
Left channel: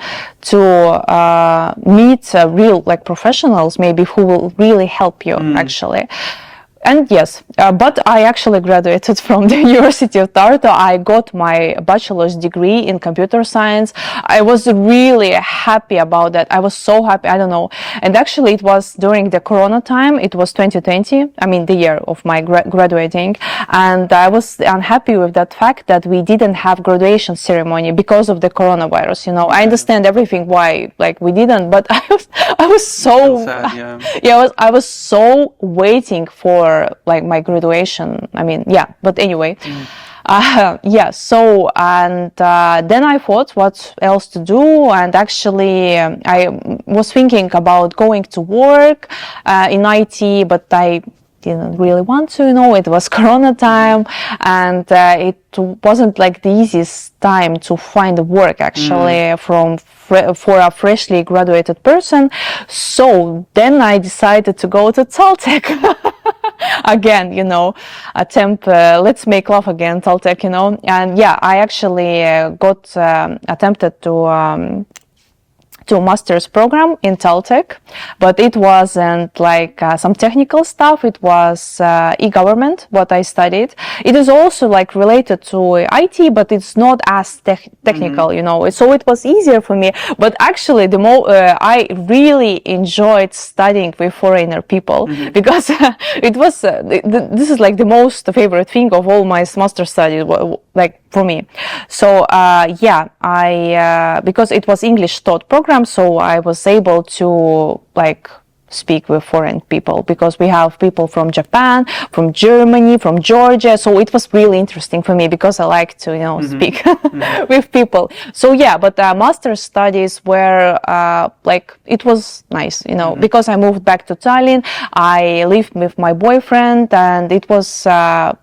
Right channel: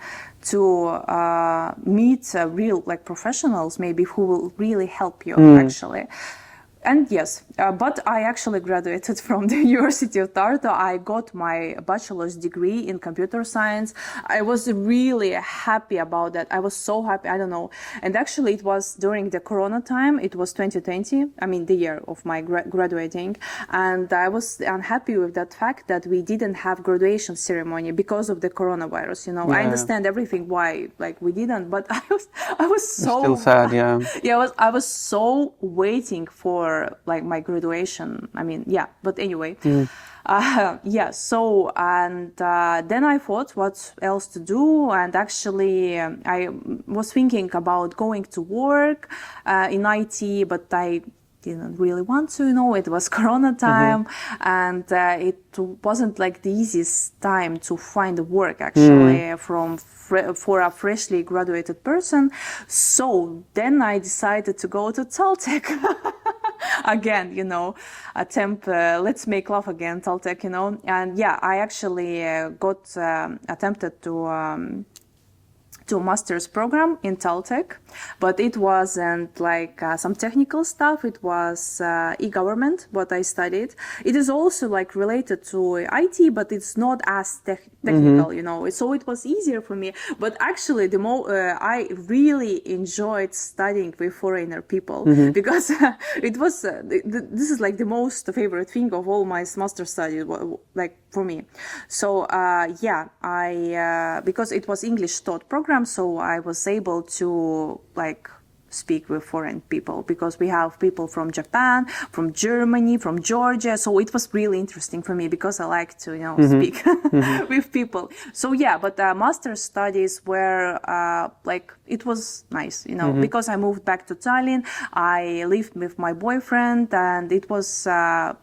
to meet real like professionals maybe who will really help you actually. And yes, but I actually graduated from the University of Tartu. I got my bachelor's degree in computer science. I was really happy about that. I was so happy, I don't know. And actually it was during the Corona time. It was 2020, I mean the year of my graduating. And I was unhappy with that fact that we didn't have graduation ceremony because of the coronavirus, you know. I understand everything why like we didn't, but I was so Still sad, yeah. Yeah, I was so waiting for like my graduation. I mean, yeah, but anyway, yeah, so, and then I thought what else to do, and actually I was thinking about going to work in IT, but I didn't really want to, you know, it was Corona time, and it wasn't like the easiest time to find work actually for a freshly graduated person. So then I decided to go to Taltech. Again, you know, let's make love again, Taltech, you know. And yeah, I actually attempted to a master's program in Taltech, but it wasn't like some technical stuff. It was e-government, what I studied. It is also like related to IT, but it's not as technical, you know. So it was easier for me. But actually, I really enjoyed studying with foreigner people because it was this is like the most favorite thing of all my master studies, like for me. So yeah, I because it was English taught program, so I was able to like speak with foreign people, because we have people from Japan, from Germany, from Georgia. So it was really interesting for me because I like to, you know, speak with people. So yeah, but master's studies were like, it was nice, you know, because I moved back to Tallinn. I lived with my boyfriend, and it was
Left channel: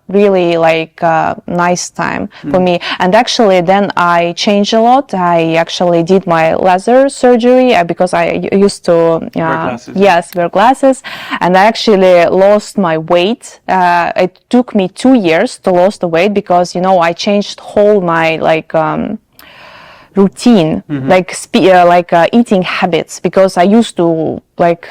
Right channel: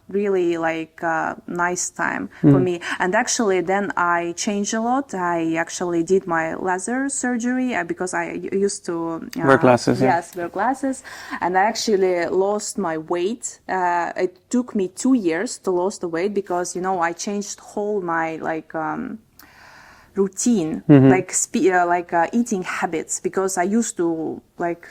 really like a nice time for me. And actually then I changed a lot. I actually did my laser surgery because I used to wear glasses. Yes, wear glasses, and I actually lost my weight. It took me 2 years to lose the weight because, you know, I changed whole my like routine, like eating habits, because I used to like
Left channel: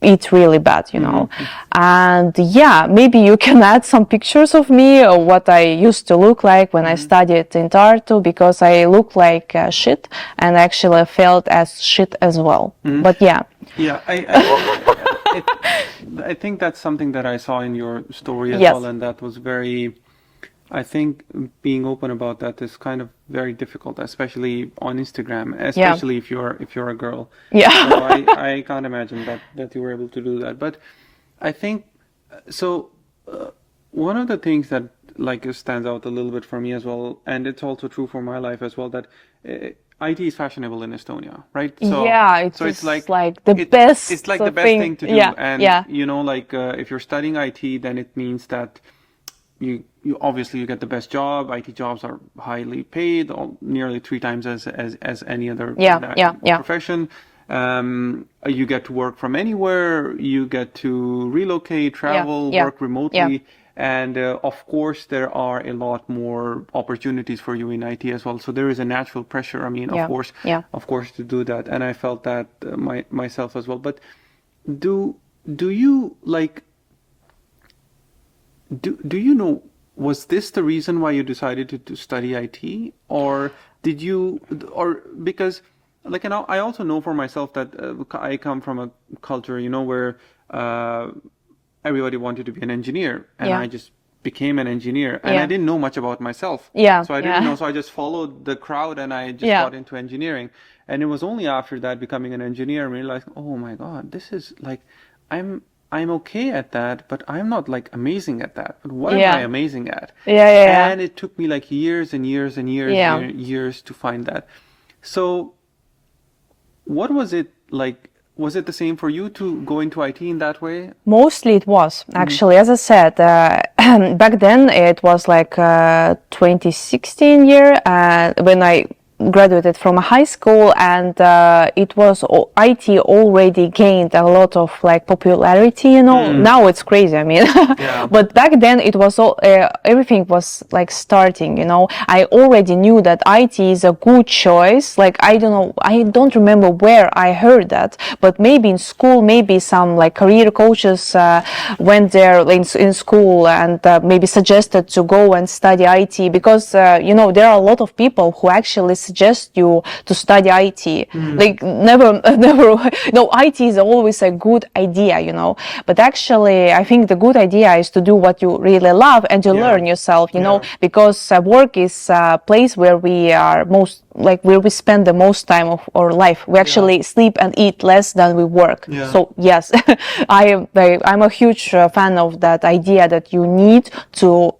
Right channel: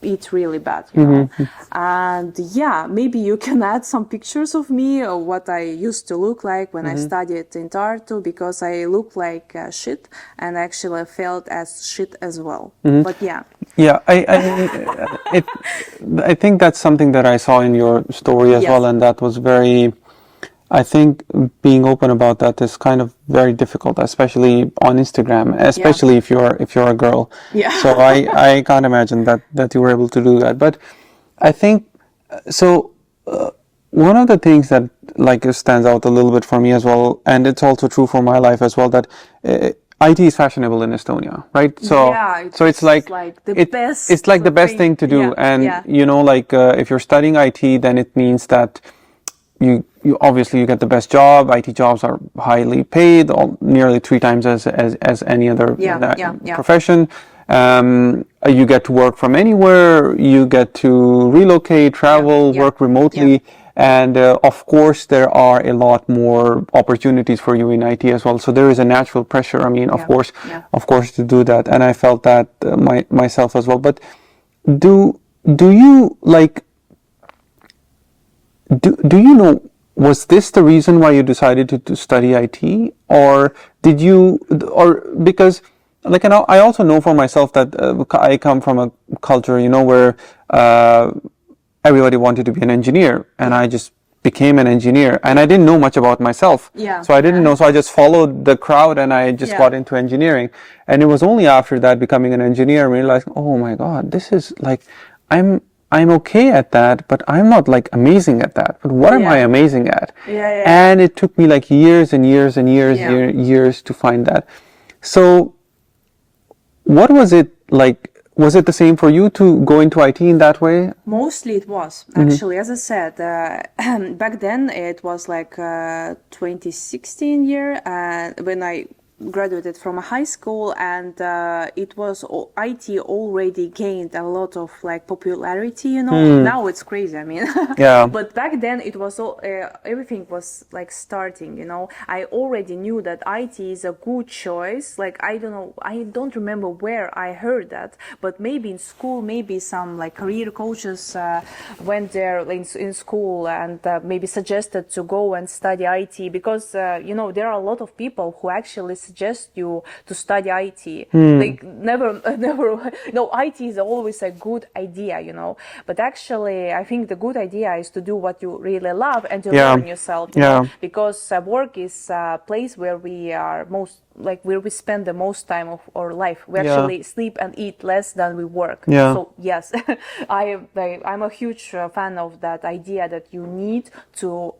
eat really bad, you know. And yeah, maybe you can add some pictures of me or what I used to look like when I studied in Tartu, because I look like shit, and actually felt as shit as well. But yeah. Yeah, I think that's something that I saw in your story as well, and that was very, I think being open about that is kind of very difficult, especially on Instagram, especially if you're a girl. Yeah. So I can't imagine that you were able to do that. But I think so. One of the things that like stands out a little bit for me as well, and it's also true for my life as well, that IT is fashionable in Estonia, right? So yeah, it's like the best. It's like the best thing to do, and you know, like if you're studying IT, then it means that you obviously you get the best job. IT jobs are highly paid, nearly 3 times as any other profession. You get to work from anywhere. You get to relocate, travel, work remotely. And of course, there are a lot more opportunities for you in IT as well. So there is a natural pressure. I mean, of course, to do that. And I felt that myself as well. But do you like? Do you know? Was this the reason why you decided to study IT, or did you, or because? Like, you know, I also know for myself that I come from a culture, you know, where everybody wanted to be an engineer, and I just became an engineer, and I didn't know much about myself. So I didn't know, so I just followed the crowd, and I just got into engineering. And it was only after that, becoming an engineer, I realized, oh my God, this is like, I'm okay at that, but I'm not like amazing at that. But what am I amazing at? And it took me like years and years and years to find that. So what was it like? Was it the same for you to go into IT in that way? Mostly it was, actually. As I said, back then it was like 2016 year when I graduated from a high school, and it was IT already gained a lot of like popularity, you know. Now it's crazy, I mean. Yeah. But back then it was all everything was like starting, you know. I already knew that IT is a good choice. Like I don't remember where I heard that, but maybe in school, maybe some like career coaches went there in school and maybe suggested to go and study IT, because you know, there are a lot of people who actually suggest you to study IT. Like never, no, IT is always a good idea, you know. But actually, I think the good idea is to do what you really love and to learn yourself, you know, because work is a place where we are where we spend the most time of our life. We actually sleep and eat less than we work. So yes, I'm a huge fan of that idea that you need to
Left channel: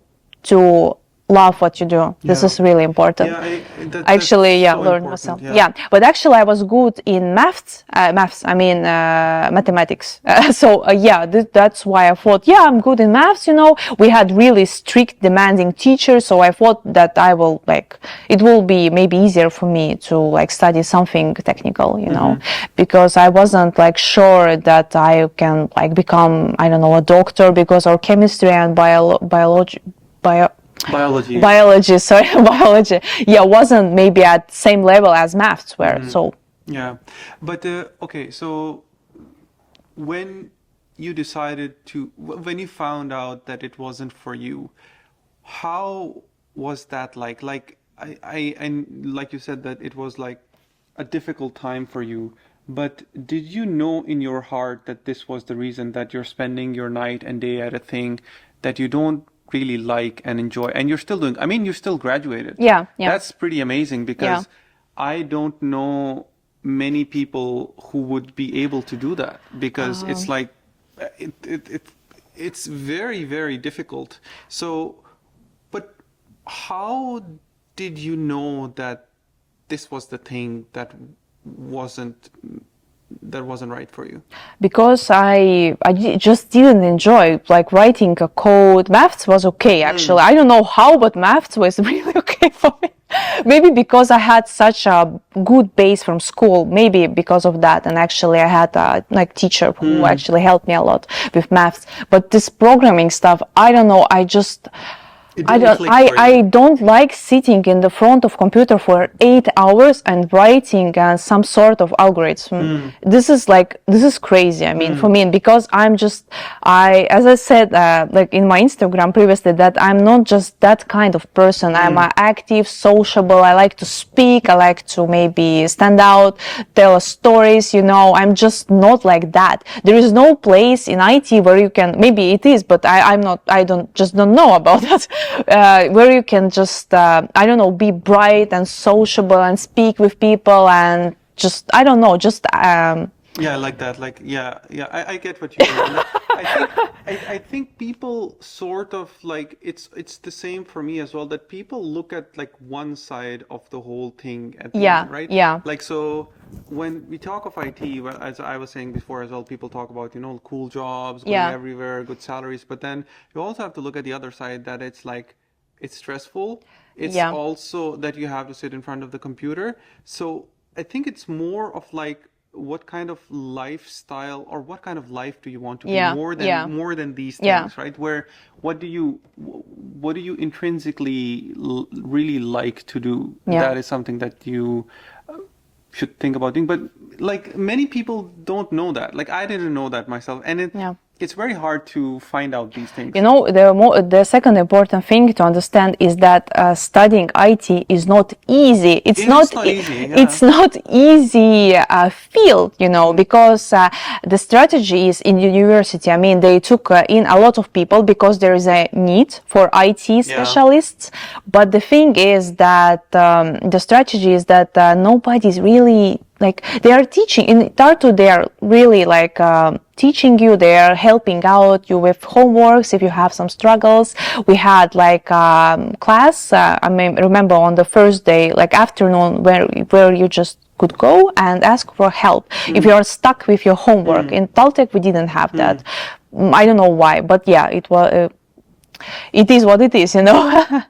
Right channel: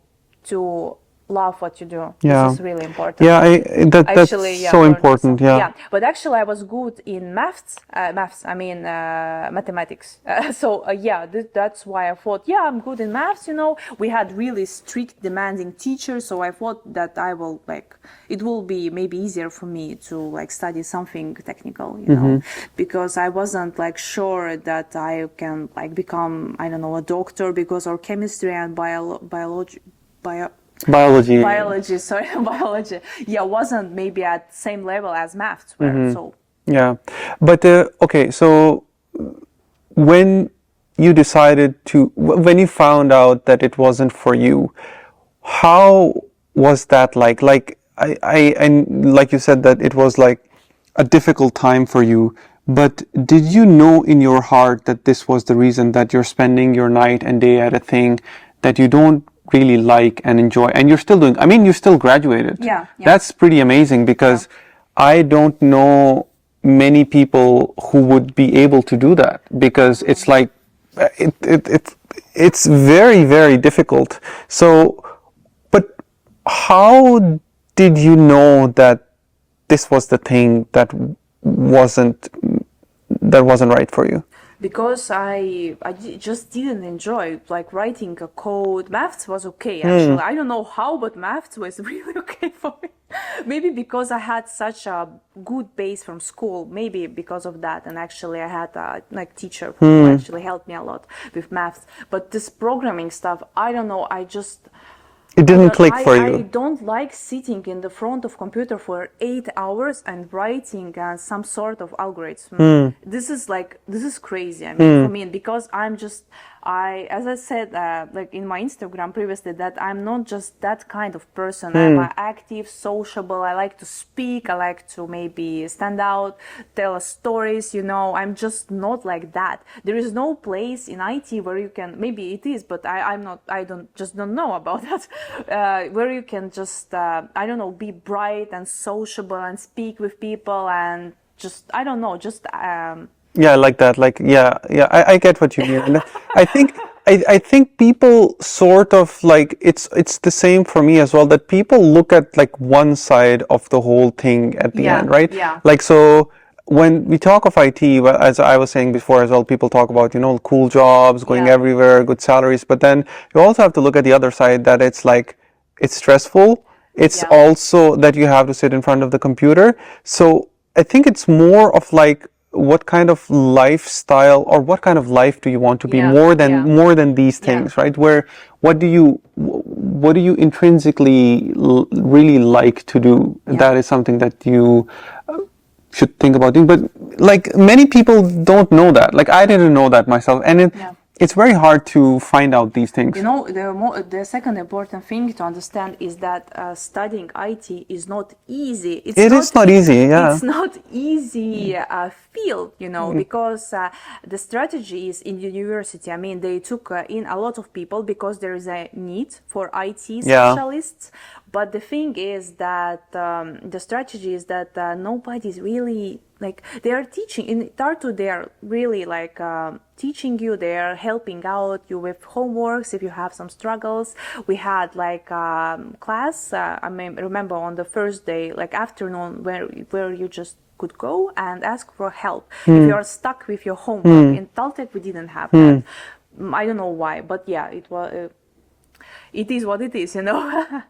love what you do. This is really important. That's so important. But actually I was good in maths, mathematics. That's why I thought, I'm good in maths, you know. We had really strict, demanding teachers, so I thought that it will be maybe easier for me to like study something technical, you know, because I wasn't like sure that I can like become, I don't know, a doctor, because our chemistry and biology wasn't maybe at same level as maths were. So but okay, so when you found out that it wasn't for you, how was that like and like you said that it was like a difficult time for you, but did you know in your heart that this was the reason that you're spending your night and day at a thing that you don't really like and enjoy, and you're still doing, I mean, you still graduated. That's pretty amazing, because I don't know many people who would be able to do that, because it's like it's very, very difficult. So, but how did you know that this was the thing that wasn't right for you? Because I just didn't enjoy like writing a code. Maths was okay, actually. I don't know how, but maths was really okay for me. Maybe because I had such a good base from school, maybe because of that. And actually I had a like teacher who actually helped me a lot with maths. But this programming stuff, I don't know, it didn't click for you. I don't like sitting in the front of computer for 8 hours and writing some sort of algorithm. This is crazy. I mean, for me, because as I said, like in my Instagram previously, that I'm not just that kind of person. I'm active, sociable. I like to speak. I like to maybe stand out, tell stories. You know, I'm just not like that. There is no place in IT where you can. Maybe it is, but I'm not. I don't know about that. Where you can just be bright and sociable and speak with people and just I like that, I get what you mean. I think people sort of like it's the same for me as well, that people look at like one side of the whole thing at the end, right? Like, so when we talk of IT, well, as I was saying before as well, people talk about, you know, cool jobs, going everywhere, good salaries, but then you also have to look at the other side, that it's like, it's stressful. It's also that you have to sit in front of the computer. So I think it's more of like, what kind of lifestyle or what kind of life do you want to be, more than these things, right? What do you intrinsically really like to do? That is something that you should think about doing. But like many people don't know that. Like I didn't know that myself, and it's very hard to find out these things. You know, the second important thing to understand is that studying IT is not easy. It's not easy. It's not easy field, you know, because the strategy is in university. I mean, they took in a lot of people because there is a need for IT specialists. But the thing is that the strategy is that nobody's really like, they are teaching in Tartu. They are really like teaching you. They are helping out you with homeworks if you have some struggles. We had like class. I remember on the first day, like afternoon, where you just could go and ask for help if you are stuck with your homework. In Taltech we didn't have that. I don't know why, but it was. it is what it is, you know.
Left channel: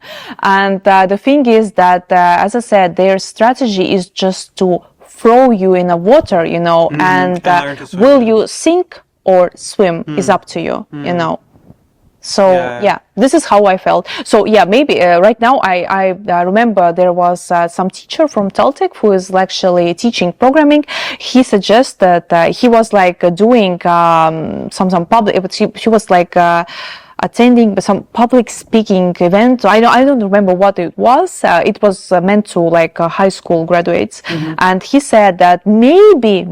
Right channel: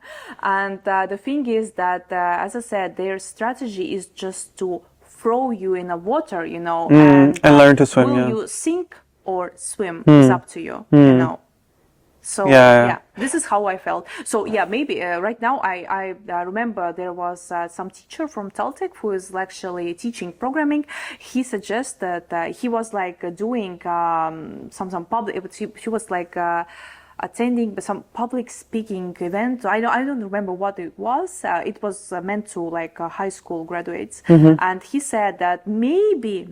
And the thing is that, as I said, their strategy is just to throw you in the water, you know, and learn to swim, will you sink or swim is up to you, you know. So yeah, this is how I felt. So yeah, maybe right now I remember there was some teacher from Celtic who is actually teaching programming. He suggested that he was like doing some public. She was like attending some public speaking event. I don't remember what it was. It was meant to like high school graduates. And he said that maybe,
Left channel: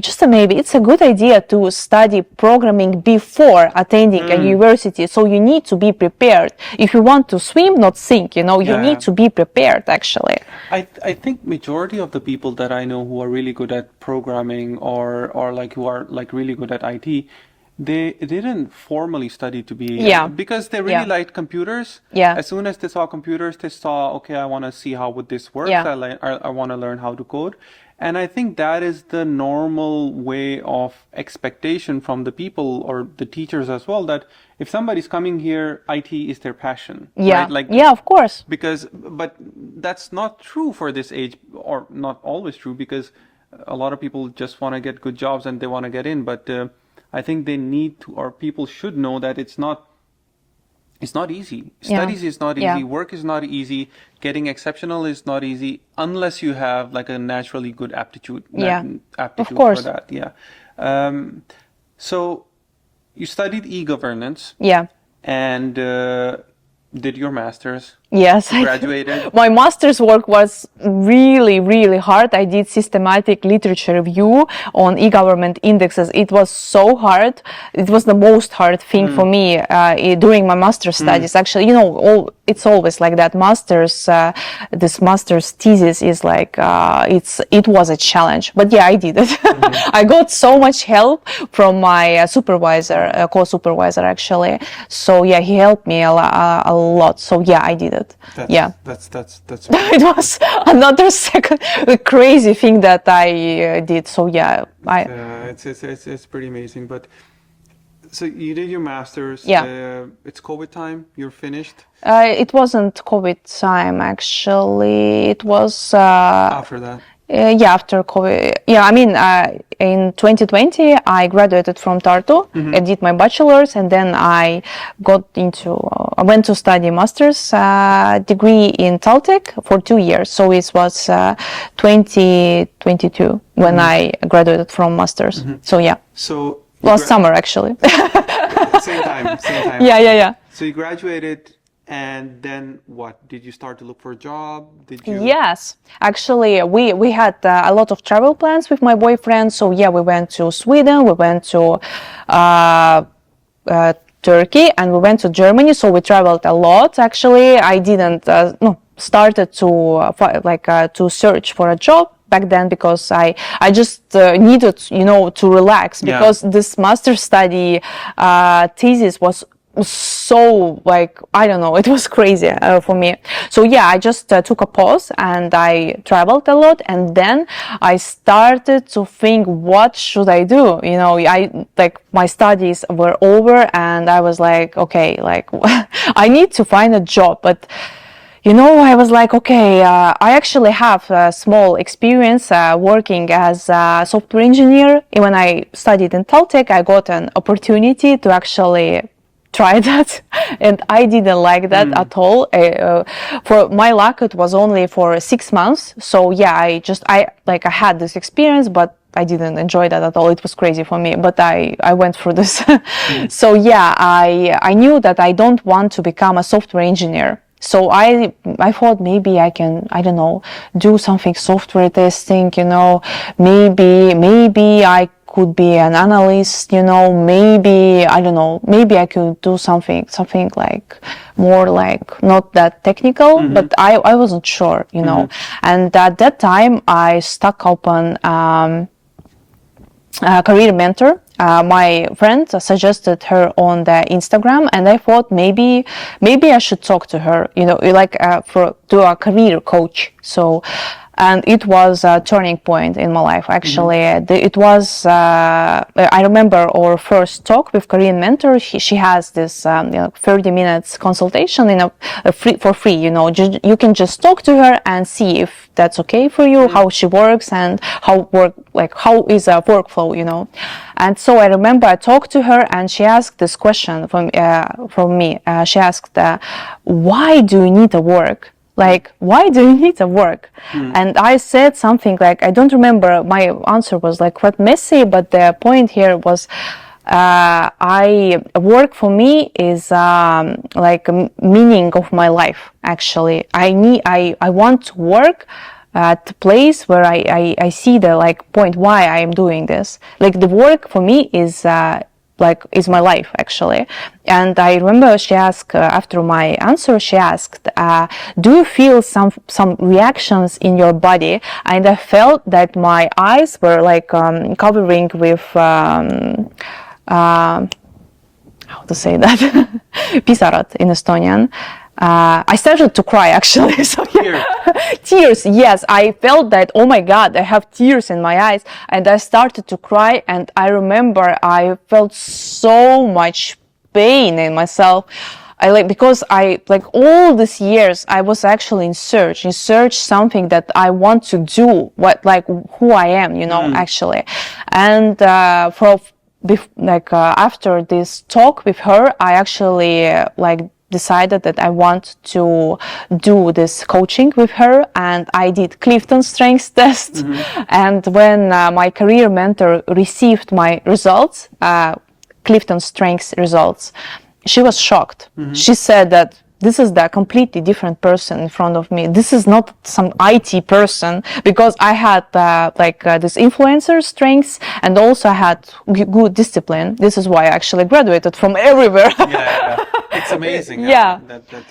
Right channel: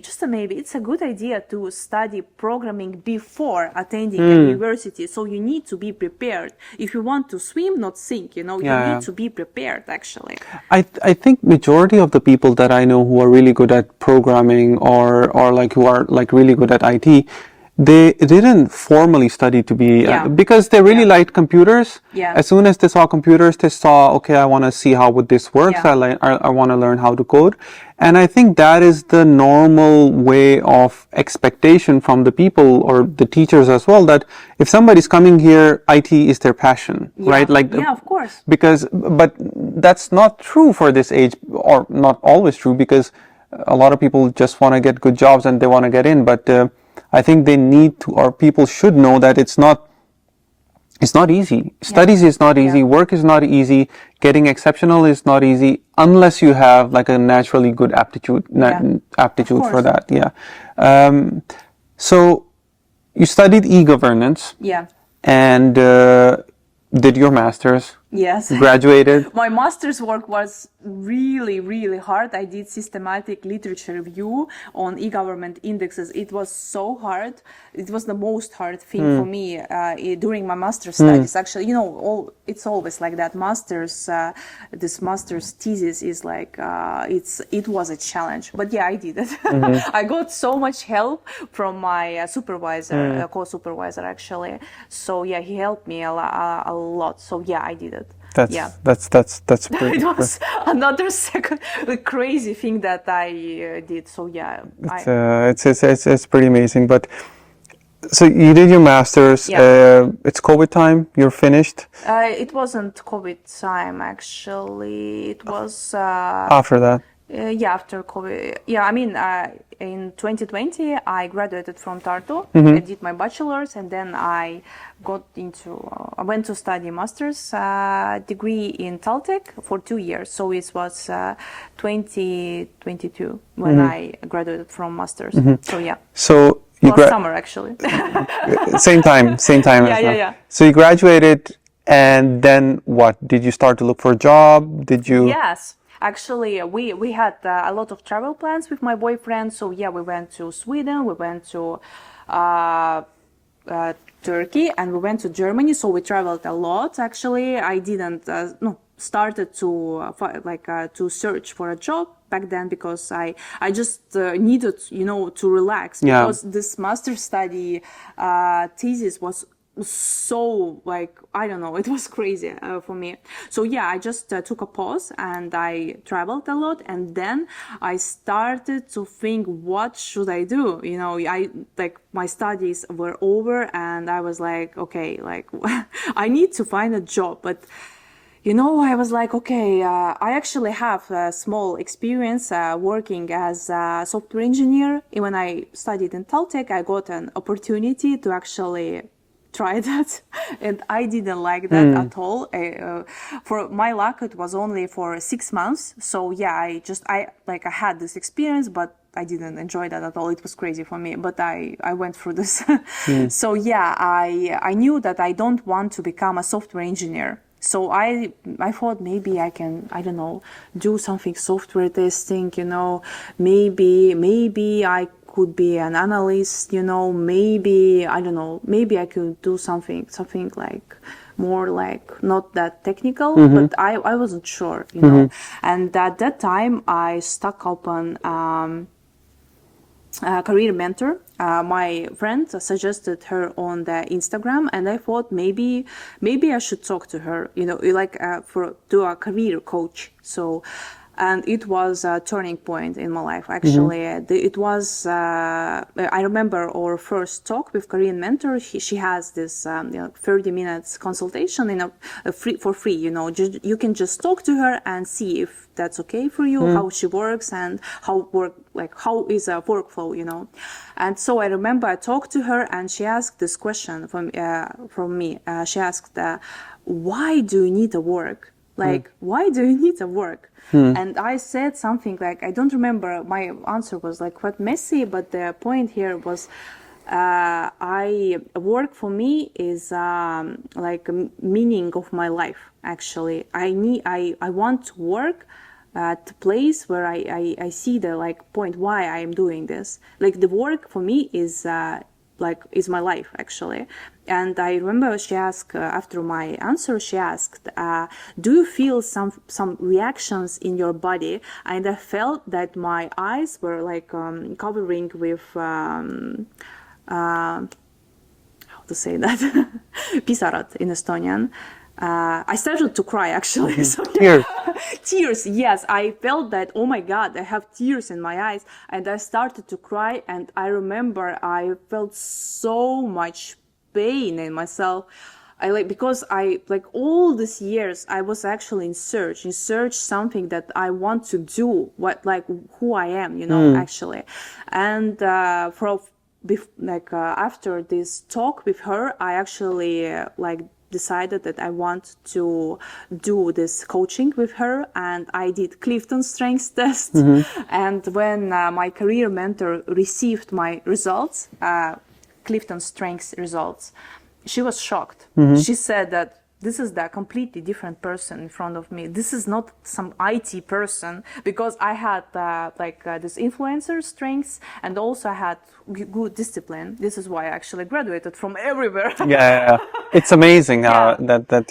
just a maybe, it's a good idea to study programming before attending a university. So you need to be prepared. If you want to swim, not sink, you know, you need to be prepared actually. I think majority of the people that I know who are really good at programming or like who are like really good at IT, they didn't formally study to be because they really liked computers. As soon as they saw computers, they saw, okay, I want to see how would this work. I want to learn how to code. And I think that is the normal way of expectation from the people or the teachers as well, that if somebody's coming here, IT is their passion, right? Like, of course. But that's not true for this age, or not always true, because a lot of people just want to get good jobs and they want to get in. But I think they need to, or people should know that it's not easy. Studies is not easy. Work is not easy. Getting exceptional is not easy unless you have like a naturally good aptitude for that. So you studied e-governance. And did your master's. Yes. Graduated. My master's work was really, really hard. I did systematic literature review on e-government indexes. It was so hard. It was the most hard thing for me during my master's studies. Actually, you know, it's always like that. This master's thesis is like, it was a challenge. But yeah, I did it. I got so much help from my supervisor, co-supervisor actually. So yeah, he helped me a lot. So yeah, I did it. That's pretty, it was another crazy thing that I did. So yeah, it's pretty amazing. But so you did your master's. It's COVID time. You're finished. It wasn't COVID time actually. It was after that. After COVID. Yeah, I mean, in 2020, I graduated from Tartu. I did my bachelor's, and then I I went to study master's degree in Celtic for 2 years. So it was 2022 when I graduated from master's. So yeah. So last summer actually. Same time. Yeah. So you graduated, and then what? Did you start to look for a job? Did you? Yes. Actually, we had a lot of travel plans with my boyfriend. So yeah, we went to Sweden, we went to Turkey, and we went to Germany. So we traveled a lot. Actually, I didn't started to search for a job back then because I just needed, to relax because this master study thesis was so I don't know, it was crazy for me. So yeah, I just took a pause and I traveled a lot, and then I started to think, what should I do? My studies were over and I was like, okay, I need to find a job. But I was like, okay, I actually have a small experience working as a software engineer. When I studied in Celtic, I got an opportunity to actually try that, and I didn't like that at all. For my luck, it was only for 6 months. So yeah, I had this experience, but I didn't enjoy that at all. It was crazy for me, but I went through this. So yeah, I knew that I don't want to become a software engineer. So I thought maybe I can, I don't know, do something software testing, maybe I could be an analyst, maybe, I don't know, maybe I could do something like more like not that technical, but I wasn't sure, And at that time I stuck open a career mentor. My friend suggested her on the Instagram, and I thought maybe I should talk to her, to a career coach. So And it was a turning point in my life, actually. It was, I remember our first talk with Korean mentor. She has this 30 minutes consultation for free, you can just talk to her and see if that's okay for you, how she works and how is a workflow, And so I remember I talked to her and she asked this question from me. She asked, why do you need a work? Why do you need a work? And I said something like, I don't remember, my answer was quite messy, but the point here was, work for me is a meaning of my life, actually. I want to work at the place where I see the point why I am doing this. The work for me is is my life, actually. And I remember she asked, after my answer, she asked, do you feel some reactions in your body? And I felt that my eyes were covering with how to say that? Pisarad in Estonian. I started to cry, actually. So, yeah. Tears, yes. I felt that, oh my God, I have tears in my eyes. And I started to cry. And I remember I felt so much pain in myself. Because all these years, I was actually in search something that I want to do, who I am, actually. And after this talk with her, I actually decided that I want to do this coaching with her, and I did Clifton Strengths test. And when my career mentor received my results, Clifton Strengths results, she was shocked. She said that this is the completely different person in front of me. This is not some IT person, because I had this influencer strengths, and also I had good discipline. This is why I actually graduated from everywhere. Yeah. It's amazing that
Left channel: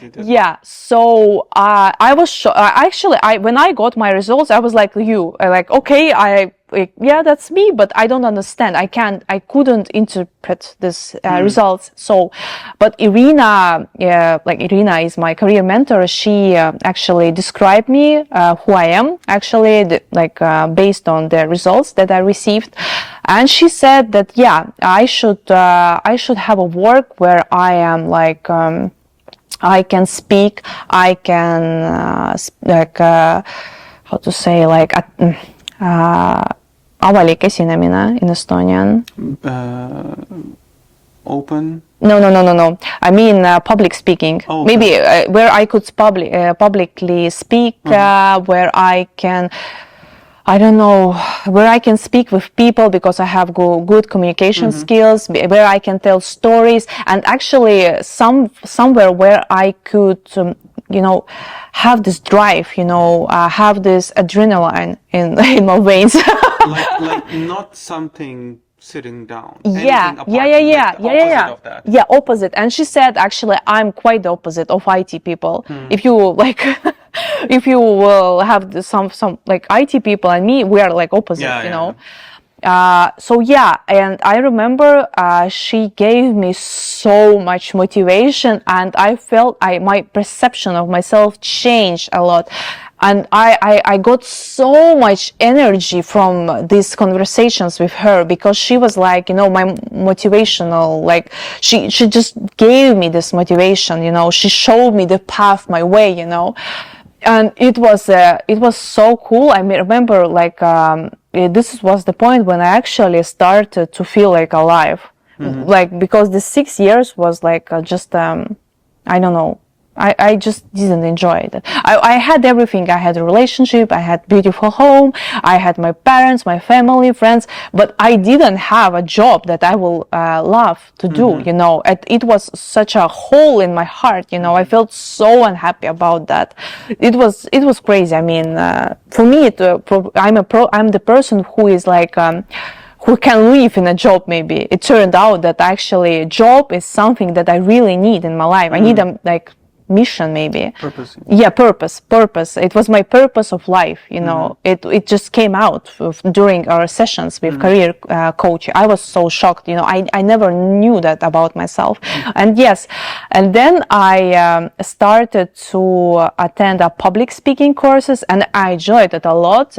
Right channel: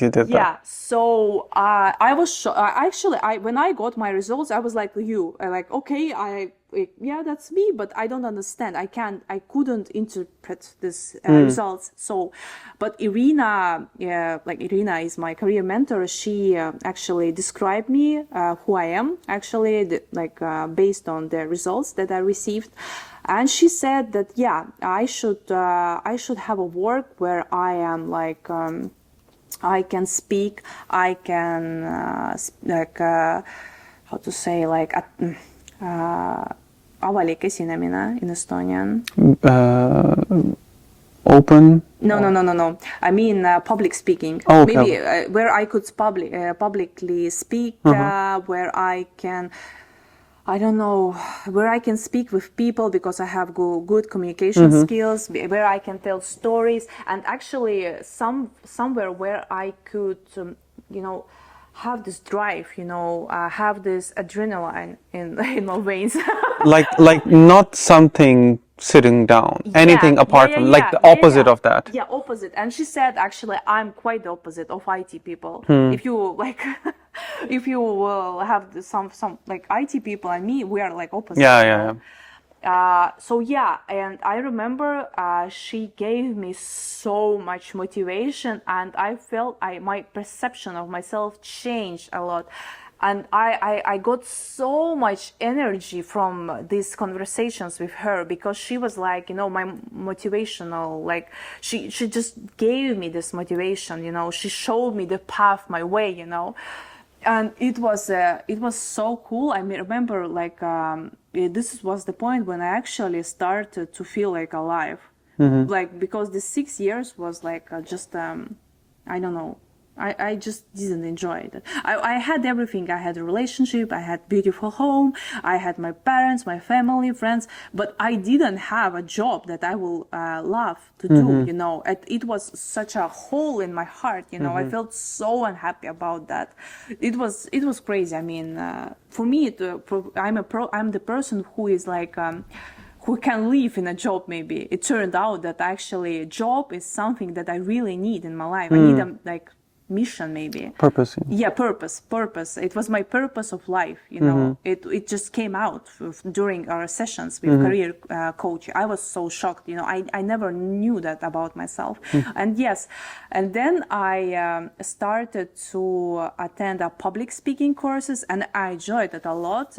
you did that. So I was actually, when I got my results, I was like you, okay, that's me, but I don't understand. I couldn't interpret this results. So, but Irina, Irina is my career mentor. She actually described me, who I am, actually, based on the results that I received. And she said that, I should have a work where I am I can speak, I can, how to say, avalik esinemine in Estonian. Open? No. I mean public speaking. Oh, okay. Maybe where I could publicly speak, where I can, I don't know, where I can speak with people because I have good communication skills, where I can tell stories, and actually somewhere where I could, have this drive, have this adrenaline in my veins. like not something sitting down, anything apart from, the opposite of that. Yeah, opposite. And she said, actually, I'm quite the opposite of IT people. If you if you will have some IT people and me, we are opposite, and I remember she gave me so much motivation, and I felt my perception of myself changed a lot. And I got so much energy from these conversations with her, because she was my motivational, she just gave me this motivation, she showed me the path, my way, and it was so cool. I remember this was the point when I actually started to feel alive, because the 6 years was just I don't know. I just didn't enjoy it. I had everything. I had a relationship, I had beautiful home, I had my parents, my family, friends, but I didn't have a job that I will love to do, It was such a hole in my heart, I felt so unhappy about that. It was crazy. I mean, for me, I'm the person who is who can live in a job. Maybe it turned out that actually a job is something that I really need in my life. I need mission maybe. Purpose. Yeah, purpose. It was my purpose of life, you know. It just came out during our sessions with career coach. I was so shocked, you know. I never knew that about myself. And yes, and then I started to attend a public speaking courses, and I enjoyed it a lot.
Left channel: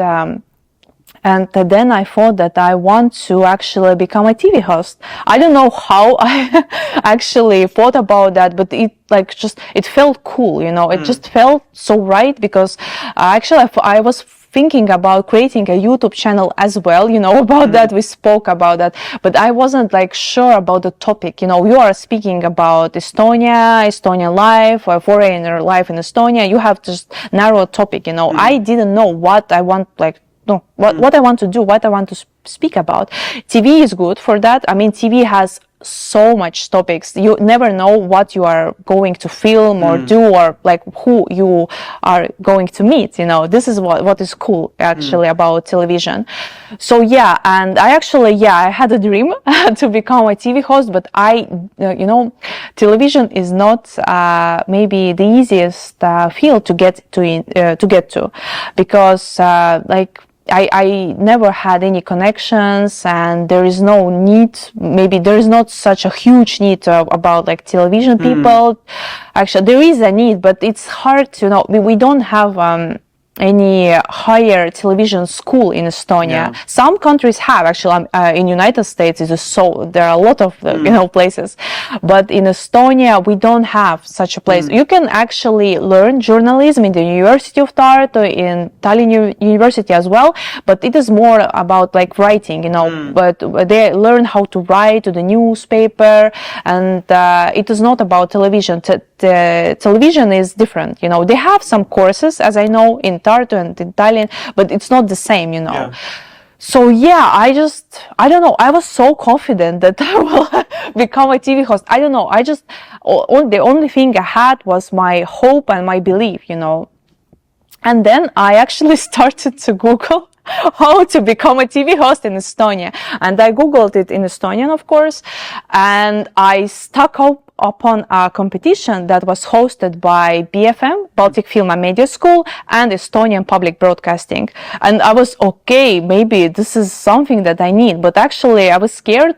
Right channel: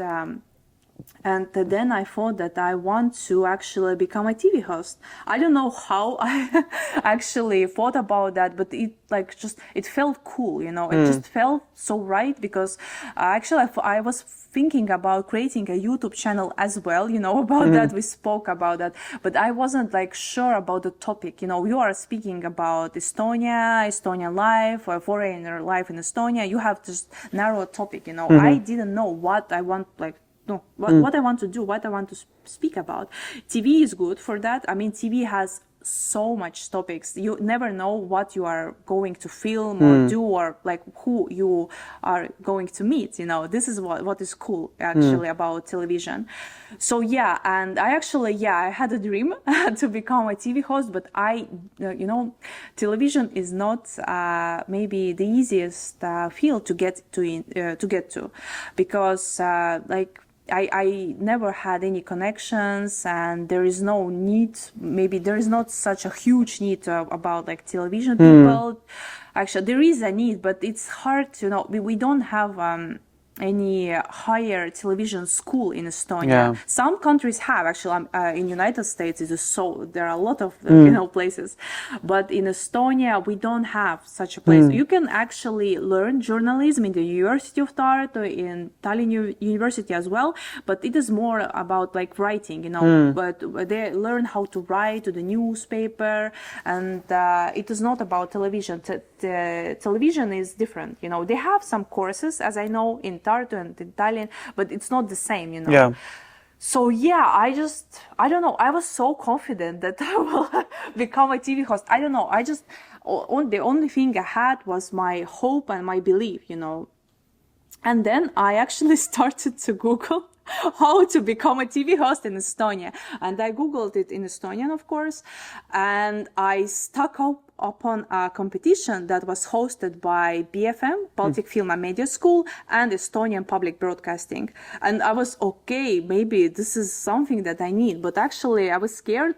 And then I thought that I want to actually become a TV host. I don't know how I actually thought about that, but it felt cool, you know. It just felt so right, because actually I was thinking about creating a YouTube channel as well, you know, about that. We spoke about that, but I wasn't like sure about the topic. You know, you are speaking about Estonia, Estonian life, or foreigner life in Estonia. You have just narrow topic, you know. I didn't know what I want, what I want to do, what I want to speak about. TV is good for that. I mean, TV has so much topics. You never know what you are going to film or do, or like who you are going to meet, you know. This is what is cool actually about television. So yeah, and I had a dream to become a TV host, but you know, television is not maybe the easiest field to get to, because I never had any connections, and there is no need, maybe there is not such a huge need about like television people. Actually, there is a need, but it's hard to know. We don't have any higher television school in Estonia. Some countries have, actually. In United States there are a lot of you know, places, but in Estonia we don't have such a place. You can actually learn journalism in the University of Tartu, in Tallinn University as well, but it is more about like writing, you know. But they learn how to write to the newspaper, and it is not about television. Television is different, you know. They have some courses, as I know, in Tartu and in Tallinn, but it's not the same, you know. Yeah. So yeah, I don't know. I was so confident that I will become a TV host. I don't know. The only thing I had was my hope and my belief, you know. And then I actually started to Google how to become a TV host in Estonia. And I Googled it in Estonian, of course, and I stuck upon a competition that was hosted by BFM, Baltic Film and Media School, and Estonian Public Broadcasting. And I was, okay, maybe this is something that I need. But actually, I was scared,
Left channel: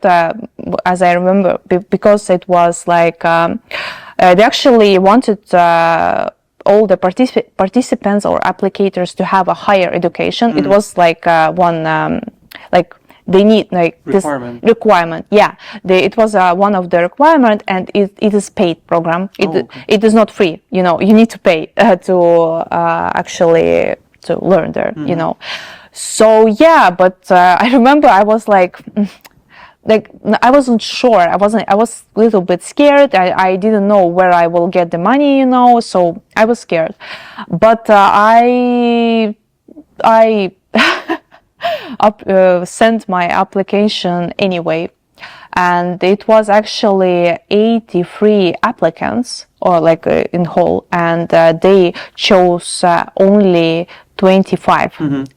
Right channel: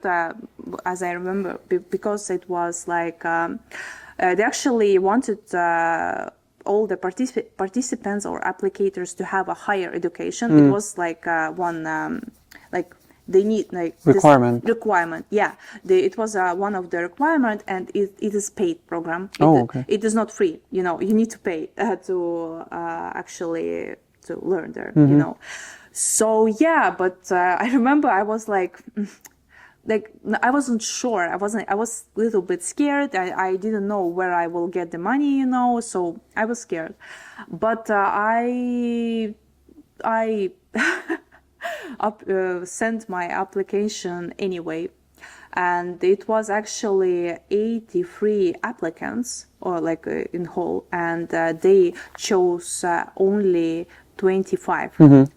as I remember, because it was like, they actually wanted all the participants or applicators to have a higher education. It was like they need like requirement. Yeah, it was one of the requirement, and it is paid program. It is not free. You know, you need to pay to actually to learn there. You know, so yeah. But I remember I was like I wasn't sure. I was a little bit scared. I didn't know where I will get the money, you know. So I was scared, but I sent my application anyway, and it was actually 83 applicants, or like in whole, and they chose only 25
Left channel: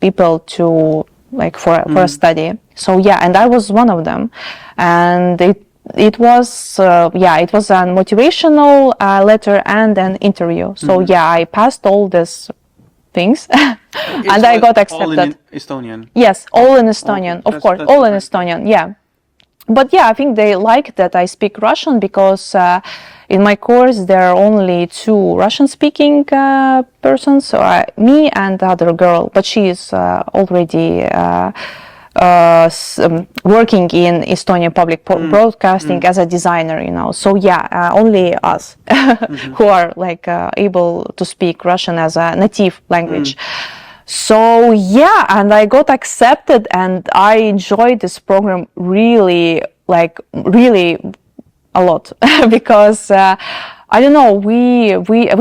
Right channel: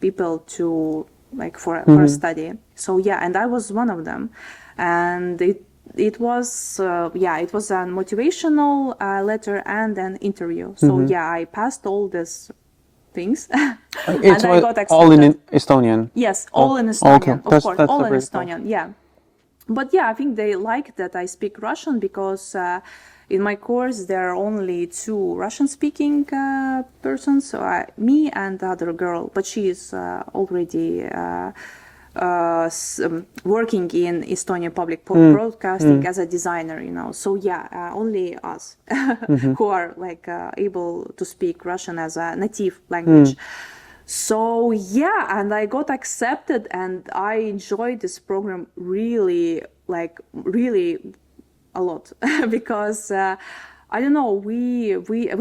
people to like for a study. So yeah, and I was one of them, and it was a motivational letter and an interview. So yeah, I passed all these things, and I got accepted. All in Estonian? Yes, all in Estonian, of course, all in Estonian, yeah. But yeah, I think they like that I speak Russian, because in my course there are only 2 Russian-speaking persons, so me and the other girl, but she is already working in Estonian public broadcasting as a designer, you know. So yeah, only us who are like able to speak Russian as a native language. So yeah, and I got accepted, and I enjoyed this program really a lot because I don't know, we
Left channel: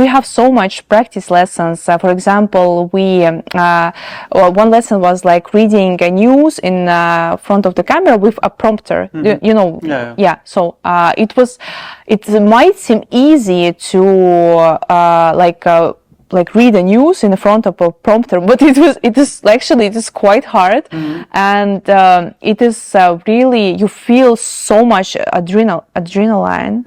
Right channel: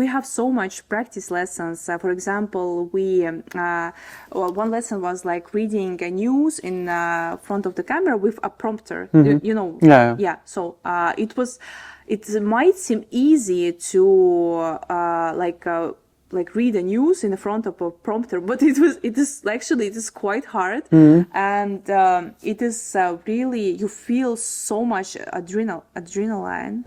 have so much practice lessons. For example, one lesson was like reading a news in front of the camera with a prompter. You know, yeah. So it might seem easy to like read the news in front of a prompter, but it is quite hard, and it is really, you feel so much adrenaline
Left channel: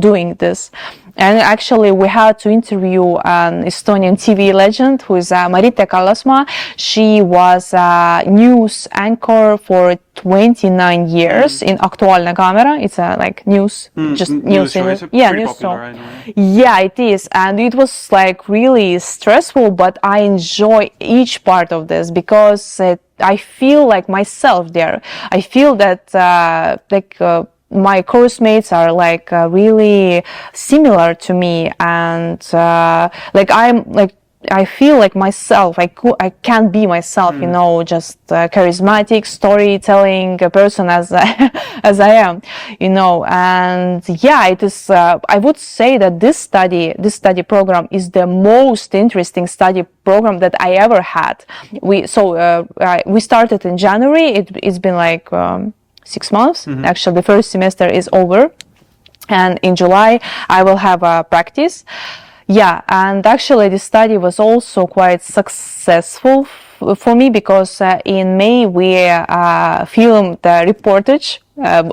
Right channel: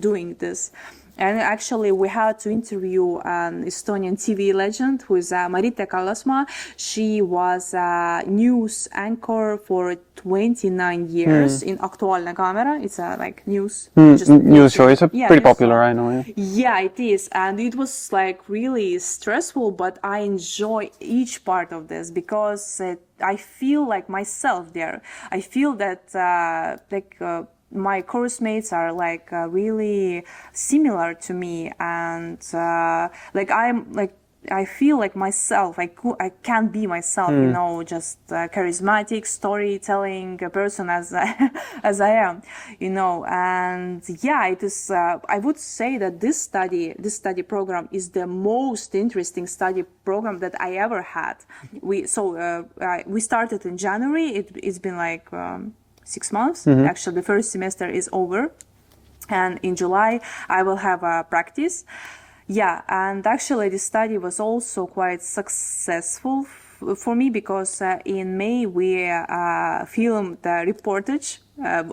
doing this, And actually, we had to interview an Estonian TV legend who is Julia Kalašnikova. She was a news anchor for 29 years in Aktuaalne Kaamera. It's a like news, just news show. It's pretty popular, show. I know. Yeah, it is, and it was like really stressful, but I enjoy each part of this because I feel like myself there. I feel that my course mates are like really similar to me, and I feel like myself. I can be myself, you know, just charismatic, storytelling person as as I am, you know. And yeah, it is. I would say that this study program is the most interesting study program that I ever had. We started in January. It's been like 6 months. Actually, the first semester is over, and in July I will have a practice. Yeah, and actually the study was also quite successful for me because in May we filmed the reportage,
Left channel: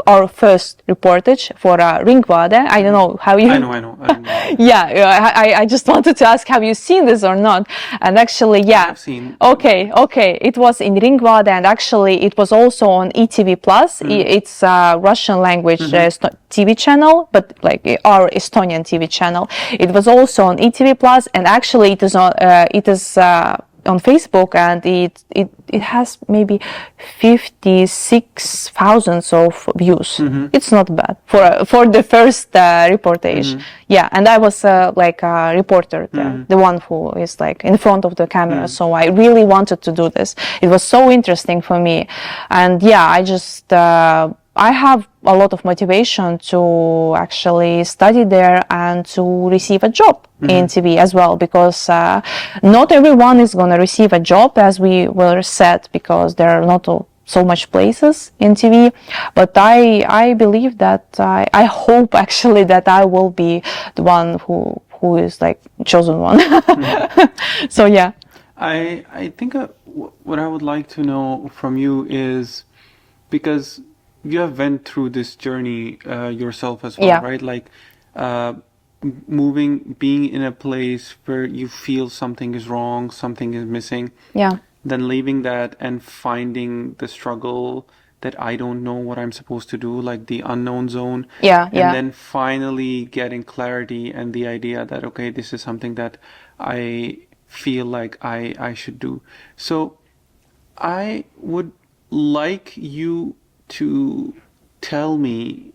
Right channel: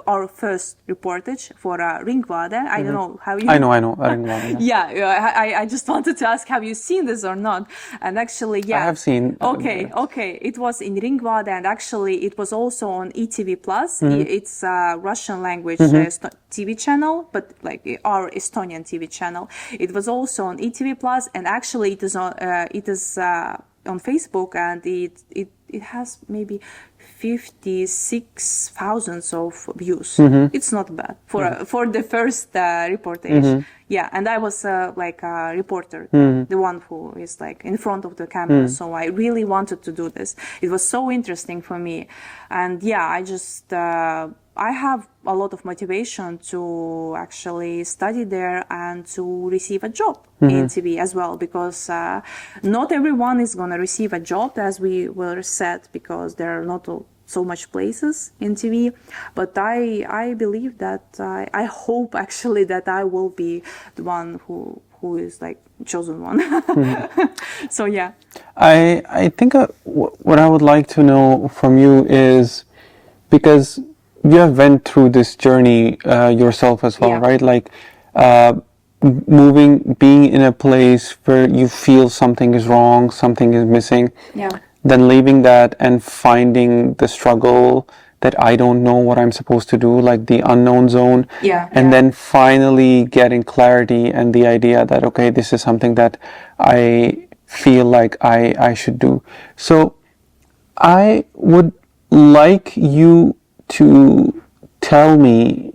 our first reportage for Ringvaade. I don't know how you... I know. Yeah, I just wanted to ask, have you seen this or not? And actually, yeah. I have seen. Okay. It was in Ringvaade, and actually it was also on ETV+. It's a Russian language TV channel, but like our Estonian TV channel. It was also on ETV+, and actually it is on Facebook, and it has maybe 56,000 of views. It's not bad for the first reportage. Yeah, and I was like a reporter there, the one who is like in front of the camera. So I really wanted to do this. It was so interesting for me, and yeah, I just I have a lot of motivation to actually study there and to receive a job in TV as well, because not everyone is going to receive a job, as we were said, because there are not so much places in TV. But I believe that I hope actually that I will be the one who is like chosen one. So yeah. I think what I would like to know from you is, because you have went through this journey yourself as well, right? Like being in a place where you feel something is wrong, something is missing. Yeah. Then leaving that and finding the struggle that I don't know what I'm supposed to do, like the unknown zone. Yeah. And then finally getting clarity and the idea that, okay, this is something that I feel like I should do. So I would like you to tell me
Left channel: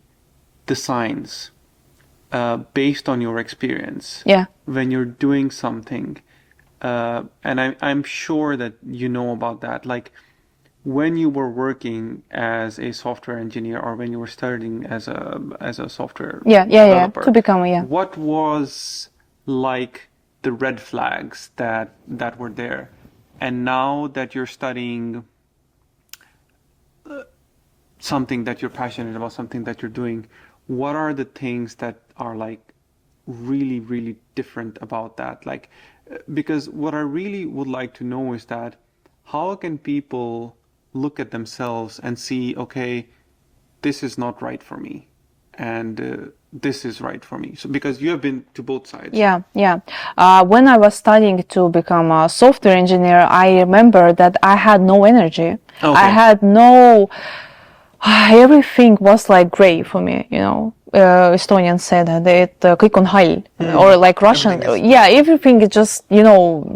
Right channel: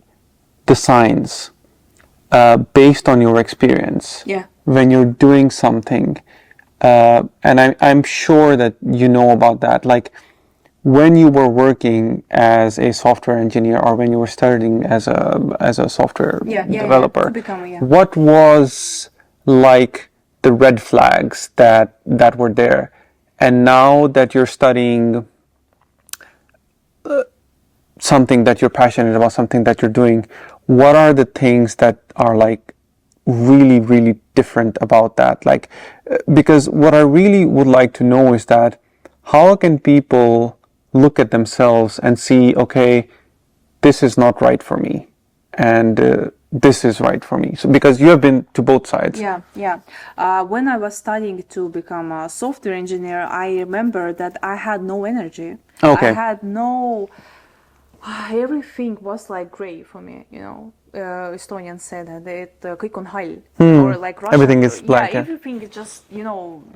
the signs based on your experience when you're doing something, and I'm sure that you know about that, like when you were working as a software engineer or when you were studying as a software developer, to become what was like the red flags that were there, and now that you're studying something that you're passionate about, something that you're doing, what are the things that are like really, really different about that? Like, because what I really would like to know is that how can people look at themselves and see, okay, this is not right for me, and this is right for me. So because you have been to both sides. Yeah. When I was studying to become a software engineer, I remember that I had no energy. Okay. I had no... everything was like gray for me, you know. Estonians said that kõik on hall, or like Russian. Everything is black, everything is just, you know,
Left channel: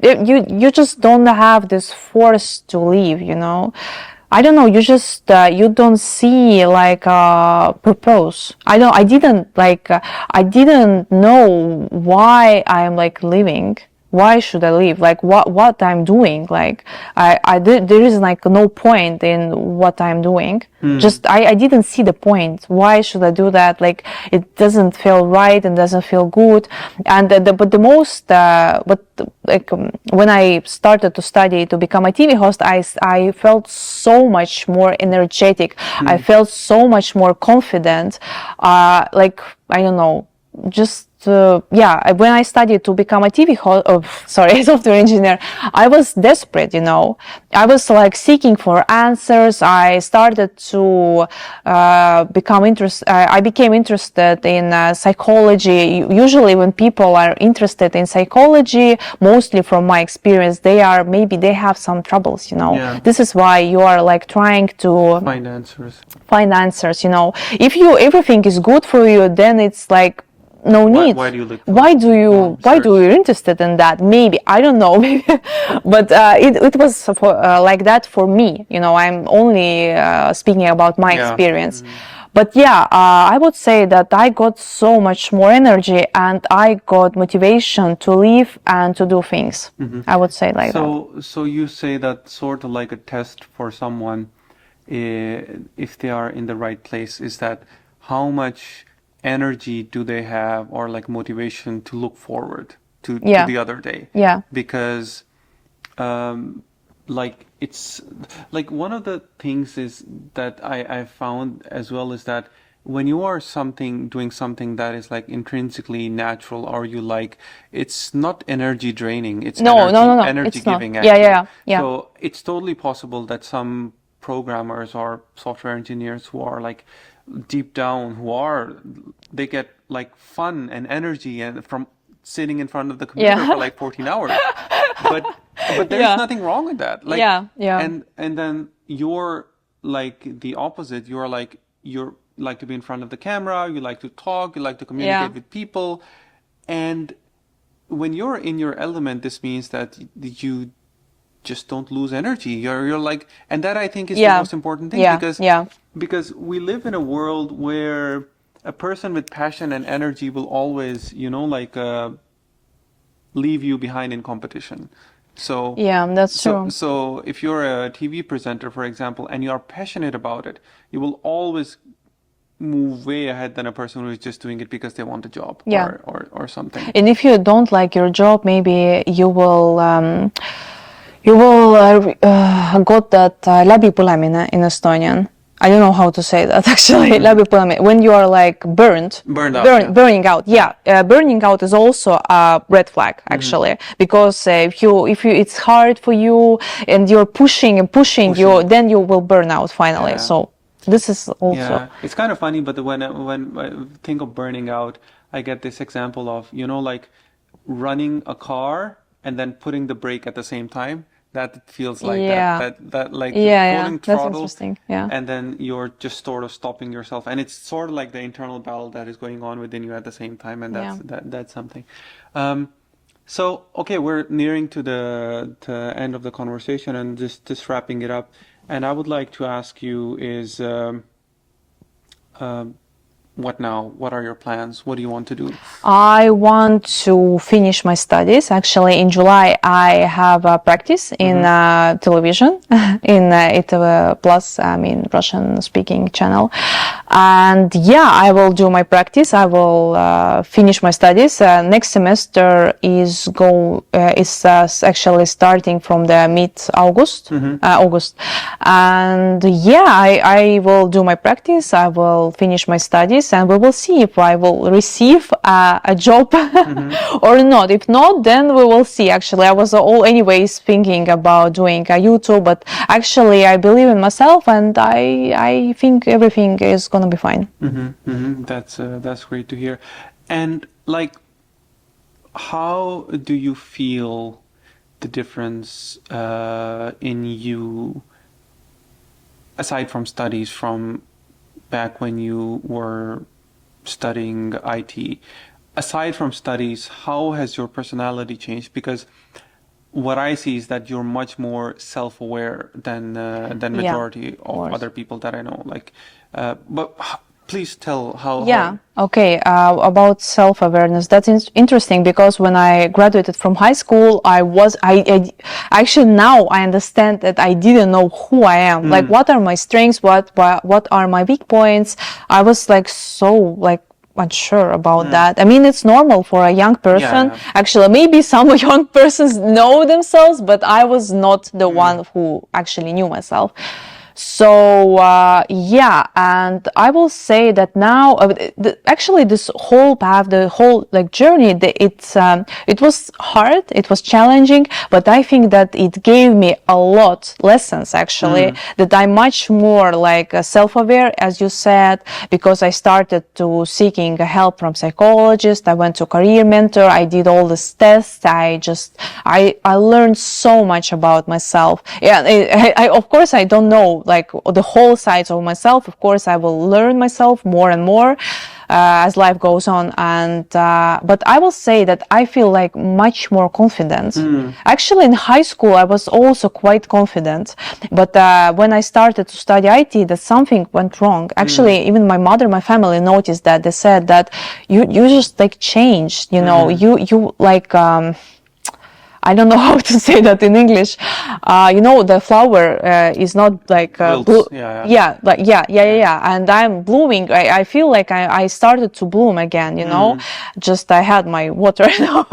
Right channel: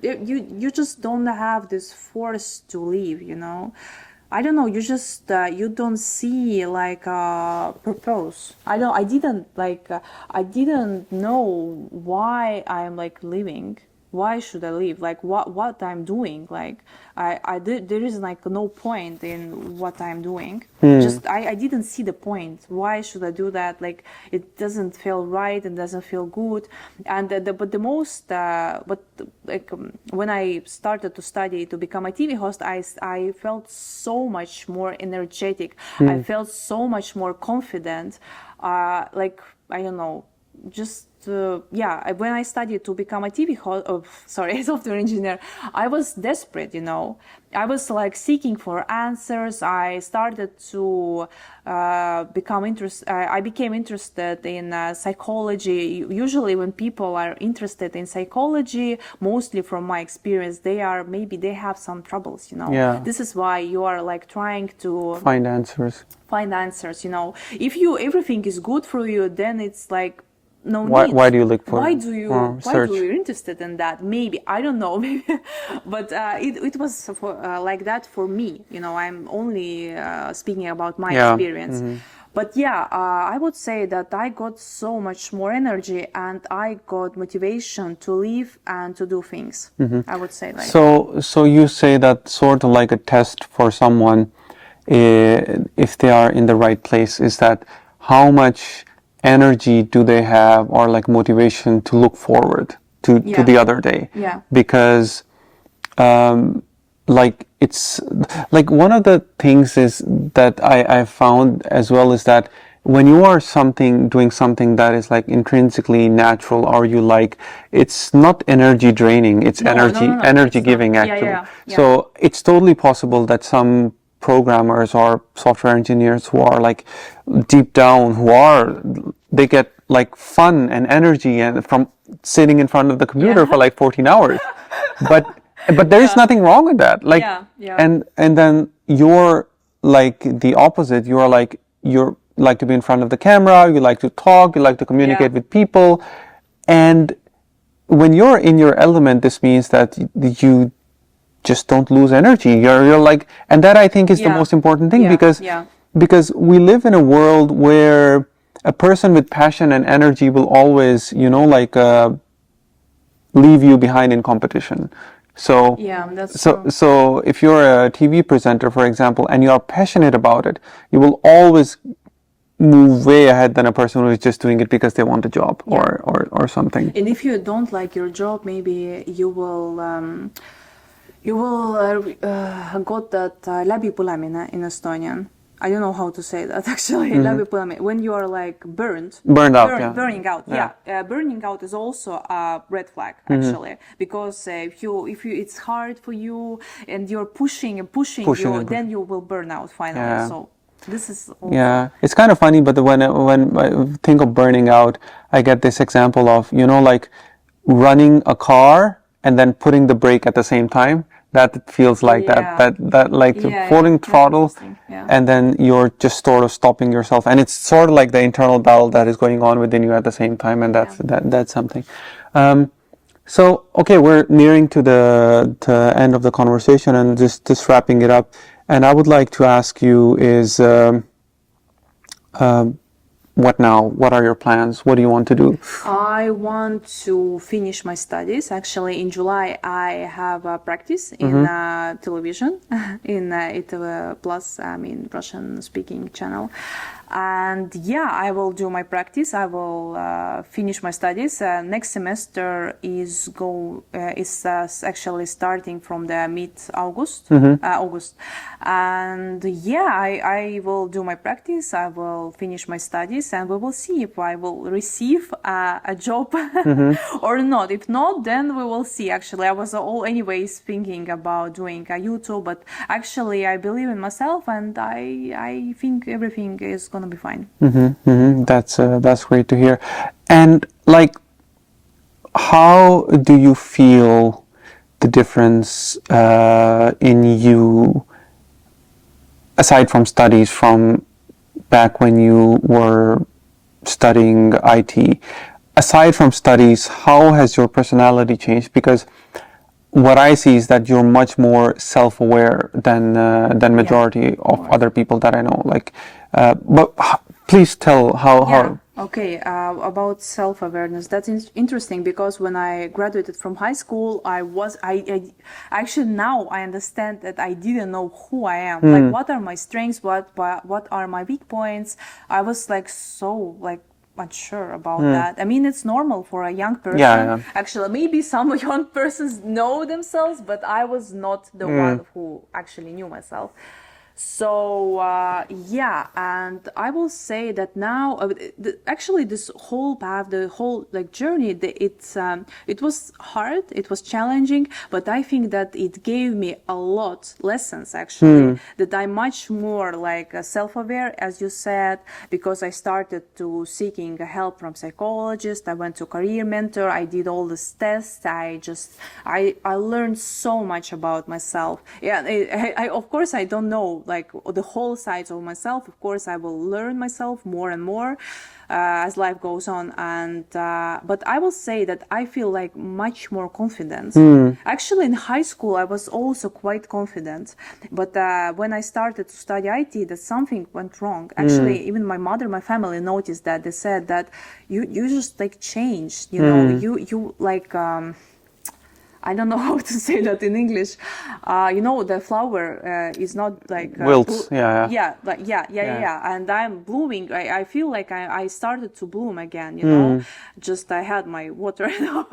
you just don't have this force to leave, you know. I don't know, you just you don't see like purpose. I didn't know why I'm like living. Why should I leave? Like what I'm doing? Like there is like no point in what I'm doing. Just I didn't see the point. Why should I do that? Like it doesn't feel right and doesn't feel good. And when I started to study to become a TV host, I felt so much more energetic. I felt so much more confident. Like I don't know. when I studied to become a software engineer, I was desperate, I was like seeking for answers. I started to I became interested in psychology. Usually when people are interested in psychology, mostly from my experience, they have some troubles, This is why you are like trying to find answers. If everything is good for you, then it's like no need. Why do you look for why do you interested in that? Maybe, I don't know, but it was like that for me. I'm only speaking about my experience. But I would say that I got so much more energy and I got motivation to live and to do things. I would say like that. So you say that sort of like a test for someone, if they are in the right place, is that how much energy do they have, or like motivation to look forward to the other day? Because like it's like one of the things is that I found as well is that when you are doing something that is like intrinsically natural, or you like, it's not energy draining, it's energy giving actually. So it's totally possible that some programmers or software engineers who are like deep down, they get like fun and energy and from sitting in front of the computer for like 14 hours. But there is nothing wrong with that. Like, and then you're like the opposite. You're like to be in front of the camera, you like to talk, you like to communicate with people. And when you're in your element, this means that you just don't lose energy. You're like, and that I think is the most important thing, because we live in a world where a person with passion and energy will always, leave you behind in competition. So that's true. So if you're a TV presenter, for example, and you are passionate about it, you will always move way ahead than a person who is just doing it because they want a job or something. And if you don't like your job, maybe you will got that läbipõlemine in Estonian. I don't know how to say that actually. Läbipõlemine. When you are like burning out. Burning out is also a red flag actually, because if you it's hard for you and you're pushing, you, then you will burn out finally. So this is also it's kind of funny, but when I think of burning out, I get this example of like running a car and then putting the brake at the same time. That feels like that like pulling throttle, and then you're just sort of stopping yourself, and it's sort of like the internal battle that is going on within you at the same time, and that's something. So okay, we're nearing to the end of the conversation, and just wrapping it up. And I would like to ask you is, what now? What are your plans? What do you want to do? I want to finish my studies. Actually, in July, I have a practice in television, in ITV Plus, Russian-speaking channel. And I will do my practice. I will finish my studies. Next semester is actually starting from the mid-August. August. And I will do my practice. I will finish my studies. And we will see if I will receive a job or not. If not, then we will see. Actually, I was anyways thinking about doing a YouTube, but actually I believe in myself, and I think everything is gonna be fine. That's great to hear. And like, how do you feel the difference in you, aside from studies, from back when you were studying IT? Aside from studies, how has your personality changed? Because what I see is that you're much more self-aware than majority of other people that I know. Like, but please tell how. Okay, about self-awareness, that's interesting, because when I graduated from high school, I actually now I understand that I didn't know who I am. Like, what are my strengths, what are my weak points. I was like so unsure about that. I mean, it's normal for a young person. Actually, maybe some young persons know themselves, but I was not the one who actually knew myself. So yeah, and I will say that now, actually, this whole path, the whole like journey, it was hard, it was challenging, but I think that it gave me a lot lessons actually. That I'm much more like self-aware, as you said, because I started to seeking help from psychologist. I went to career mentor. I did all these tests. I learned so much about myself. Yeah, I of course I don't know like the whole sides of myself. Of course I will learn myself more and more as life goes on, and but I will say that I feel like much more confident. Actually, in high school I was also quite confident, but when I started to study IT, that something went wrong. Actually, even my mother, my family noticed that. They said that you just like changed, you know, you like I don't know how to say that in English. You know, the flower is not like Wilts. Yeah. And I'm blooming. I feel like I started to bloom again. You know, just I had my water now,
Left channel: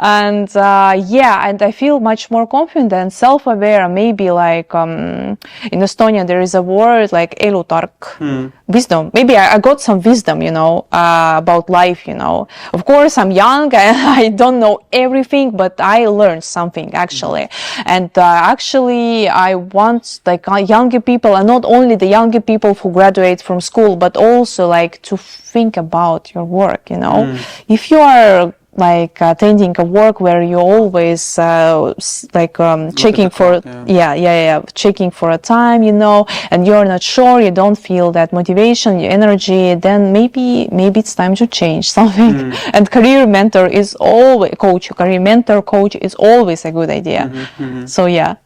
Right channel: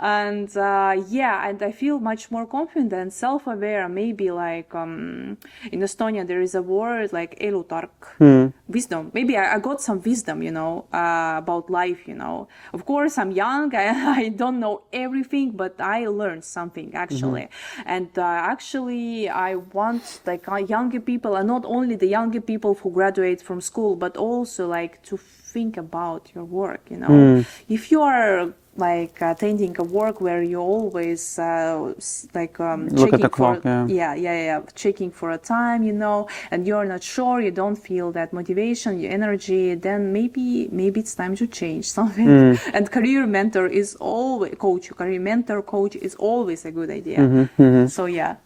and and I feel much more confident, self-aware. Maybe like in Estonia there is a word like elutark. Wisdom. Maybe I got some wisdom, you know, about life, you know. Of course, I'm young and I don't know everything, but I learned something actually. And actually, I want like younger people, and not only the younger people who graduate from school, but also like to think about your work, you know. If you are like attending a work where you always checking for clock, checking for a time, you know, and you're not sure, you don't feel that motivation, your energy, then maybe it's time to change something. And career mentor is always career mentor coach is always a good idea. So yeah.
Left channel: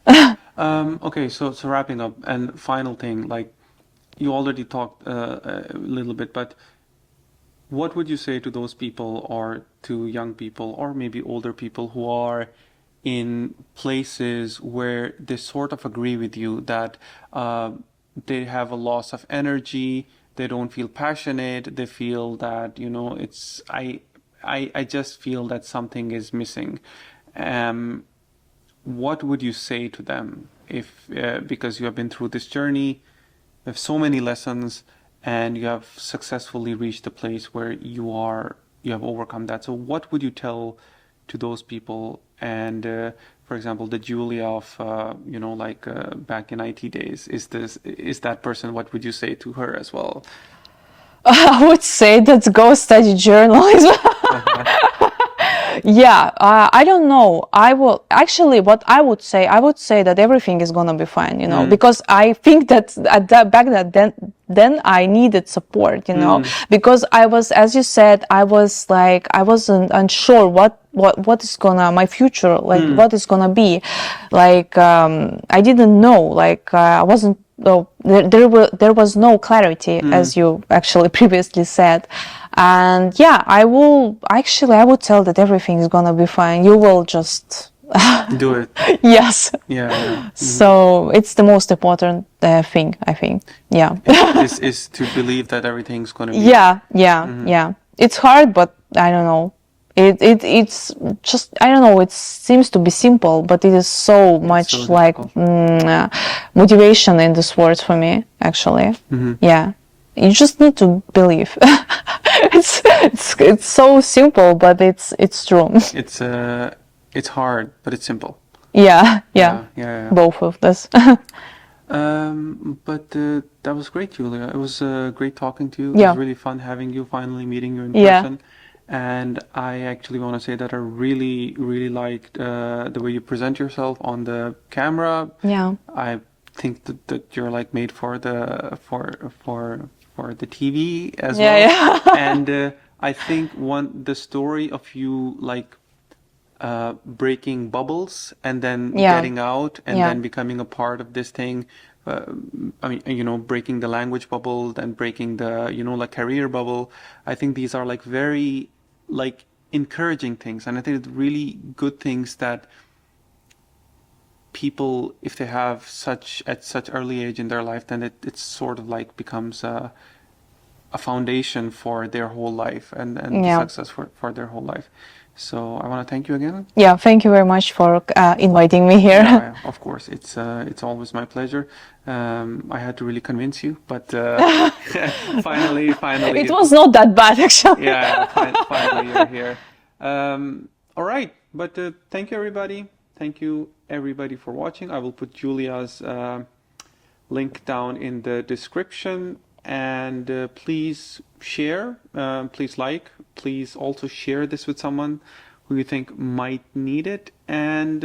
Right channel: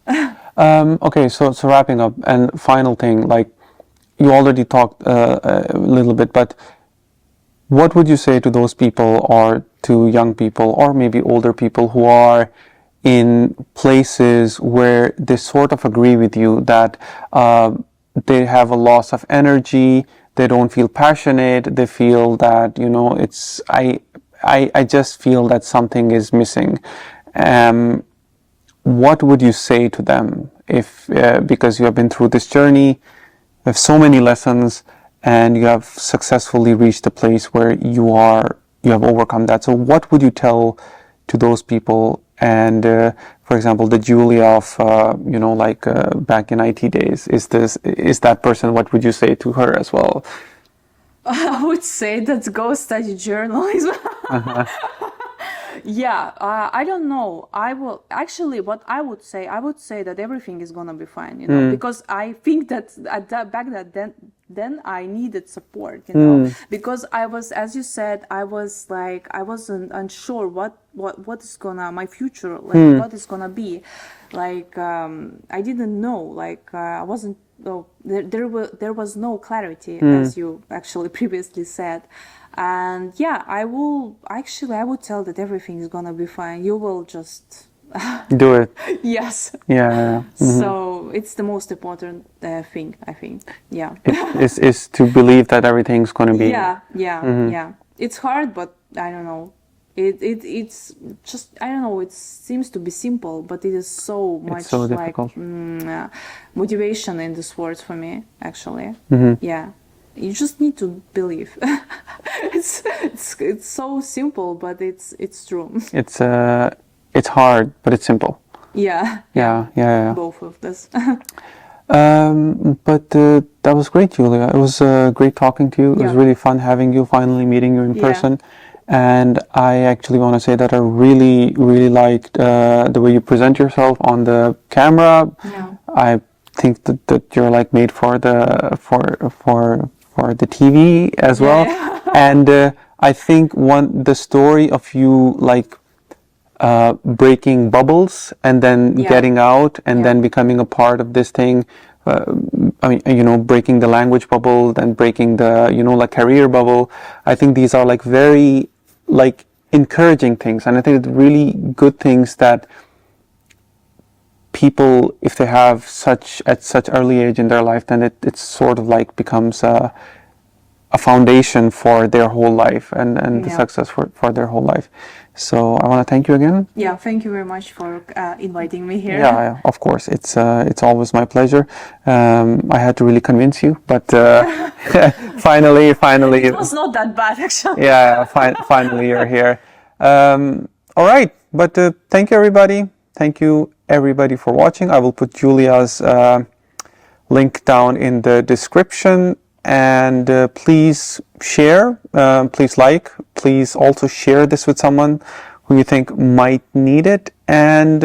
Okay, so wrapping up, and final thing, like you already talked a little bit, but what would you say to those people, or to young people, or maybe older people who are in places where they sort of agree with you that they have a loss of energy, they don't feel passionate, they feel that, you know, it's I just feel that something is missing. What would you say to them if because you have been through this journey, you have so many lessons, and you have successfully reached a place where you have overcome that. So what would you tell to those people? And for example, the Julia of back in IT days, is that person? What would you say to her as well? I would say that go study journalism. Yeah, I don't know. I will actually. What I would say that everything is gonna be fine, you know, because I think that back then I needed support, you know, because I was, as you said, I wasn't unsure what is my future, like what is gonna be, like I didn't know, like I wasn't. Oh, there was no clarity, as you actually previously said. And yeah, I would tell that everything is gonna be fine. You will just do it. Yes. Yeah. So it's the most important thing, I think. Yeah. is to believe that everything's gonna be. Yeah. It's hard, but I don't know. It's just, I don't know, it seems to be simple, but it is so much like motivation in this words for me, actually. Yeah, you just need to believe. It's so simple, but it's true. It's hard, but it's simple. Yeah. Both of this. But that was great, Julia. It was great talking to you. It was really fun having you, finally meeting you in person. And I actually want to say that I really, really liked the way you present yourself on the camera. Yeah. I think that you're like made for the TV as well. Yeah. And I think the story of you like breaking bubbles and then getting out and then becoming a part of this thing. I mean, you know, breaking the language bubble, then breaking the, you know, like career bubble. I think these are like very like encouraging things, and I think it's really good things that people, if they have at such early age in their life, then it sort of like becomes a foundation for their whole life and the success for their whole life. So I want to thank you again. Yeah, thank you very much for inviting me here. Yeah, of course. It's always my pleasure. I had to really convince you, but finally. It was not that bad, actually. Yeah, finally you're here. All right, but thank you, everybody. Thank you, everybody, for watching. I will put Julia's link down in the description. And please share, please like, please also share this with someone who you think might need it. And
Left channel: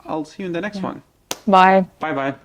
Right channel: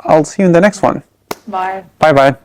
I'll see you in the next one. Bye. Bye-bye.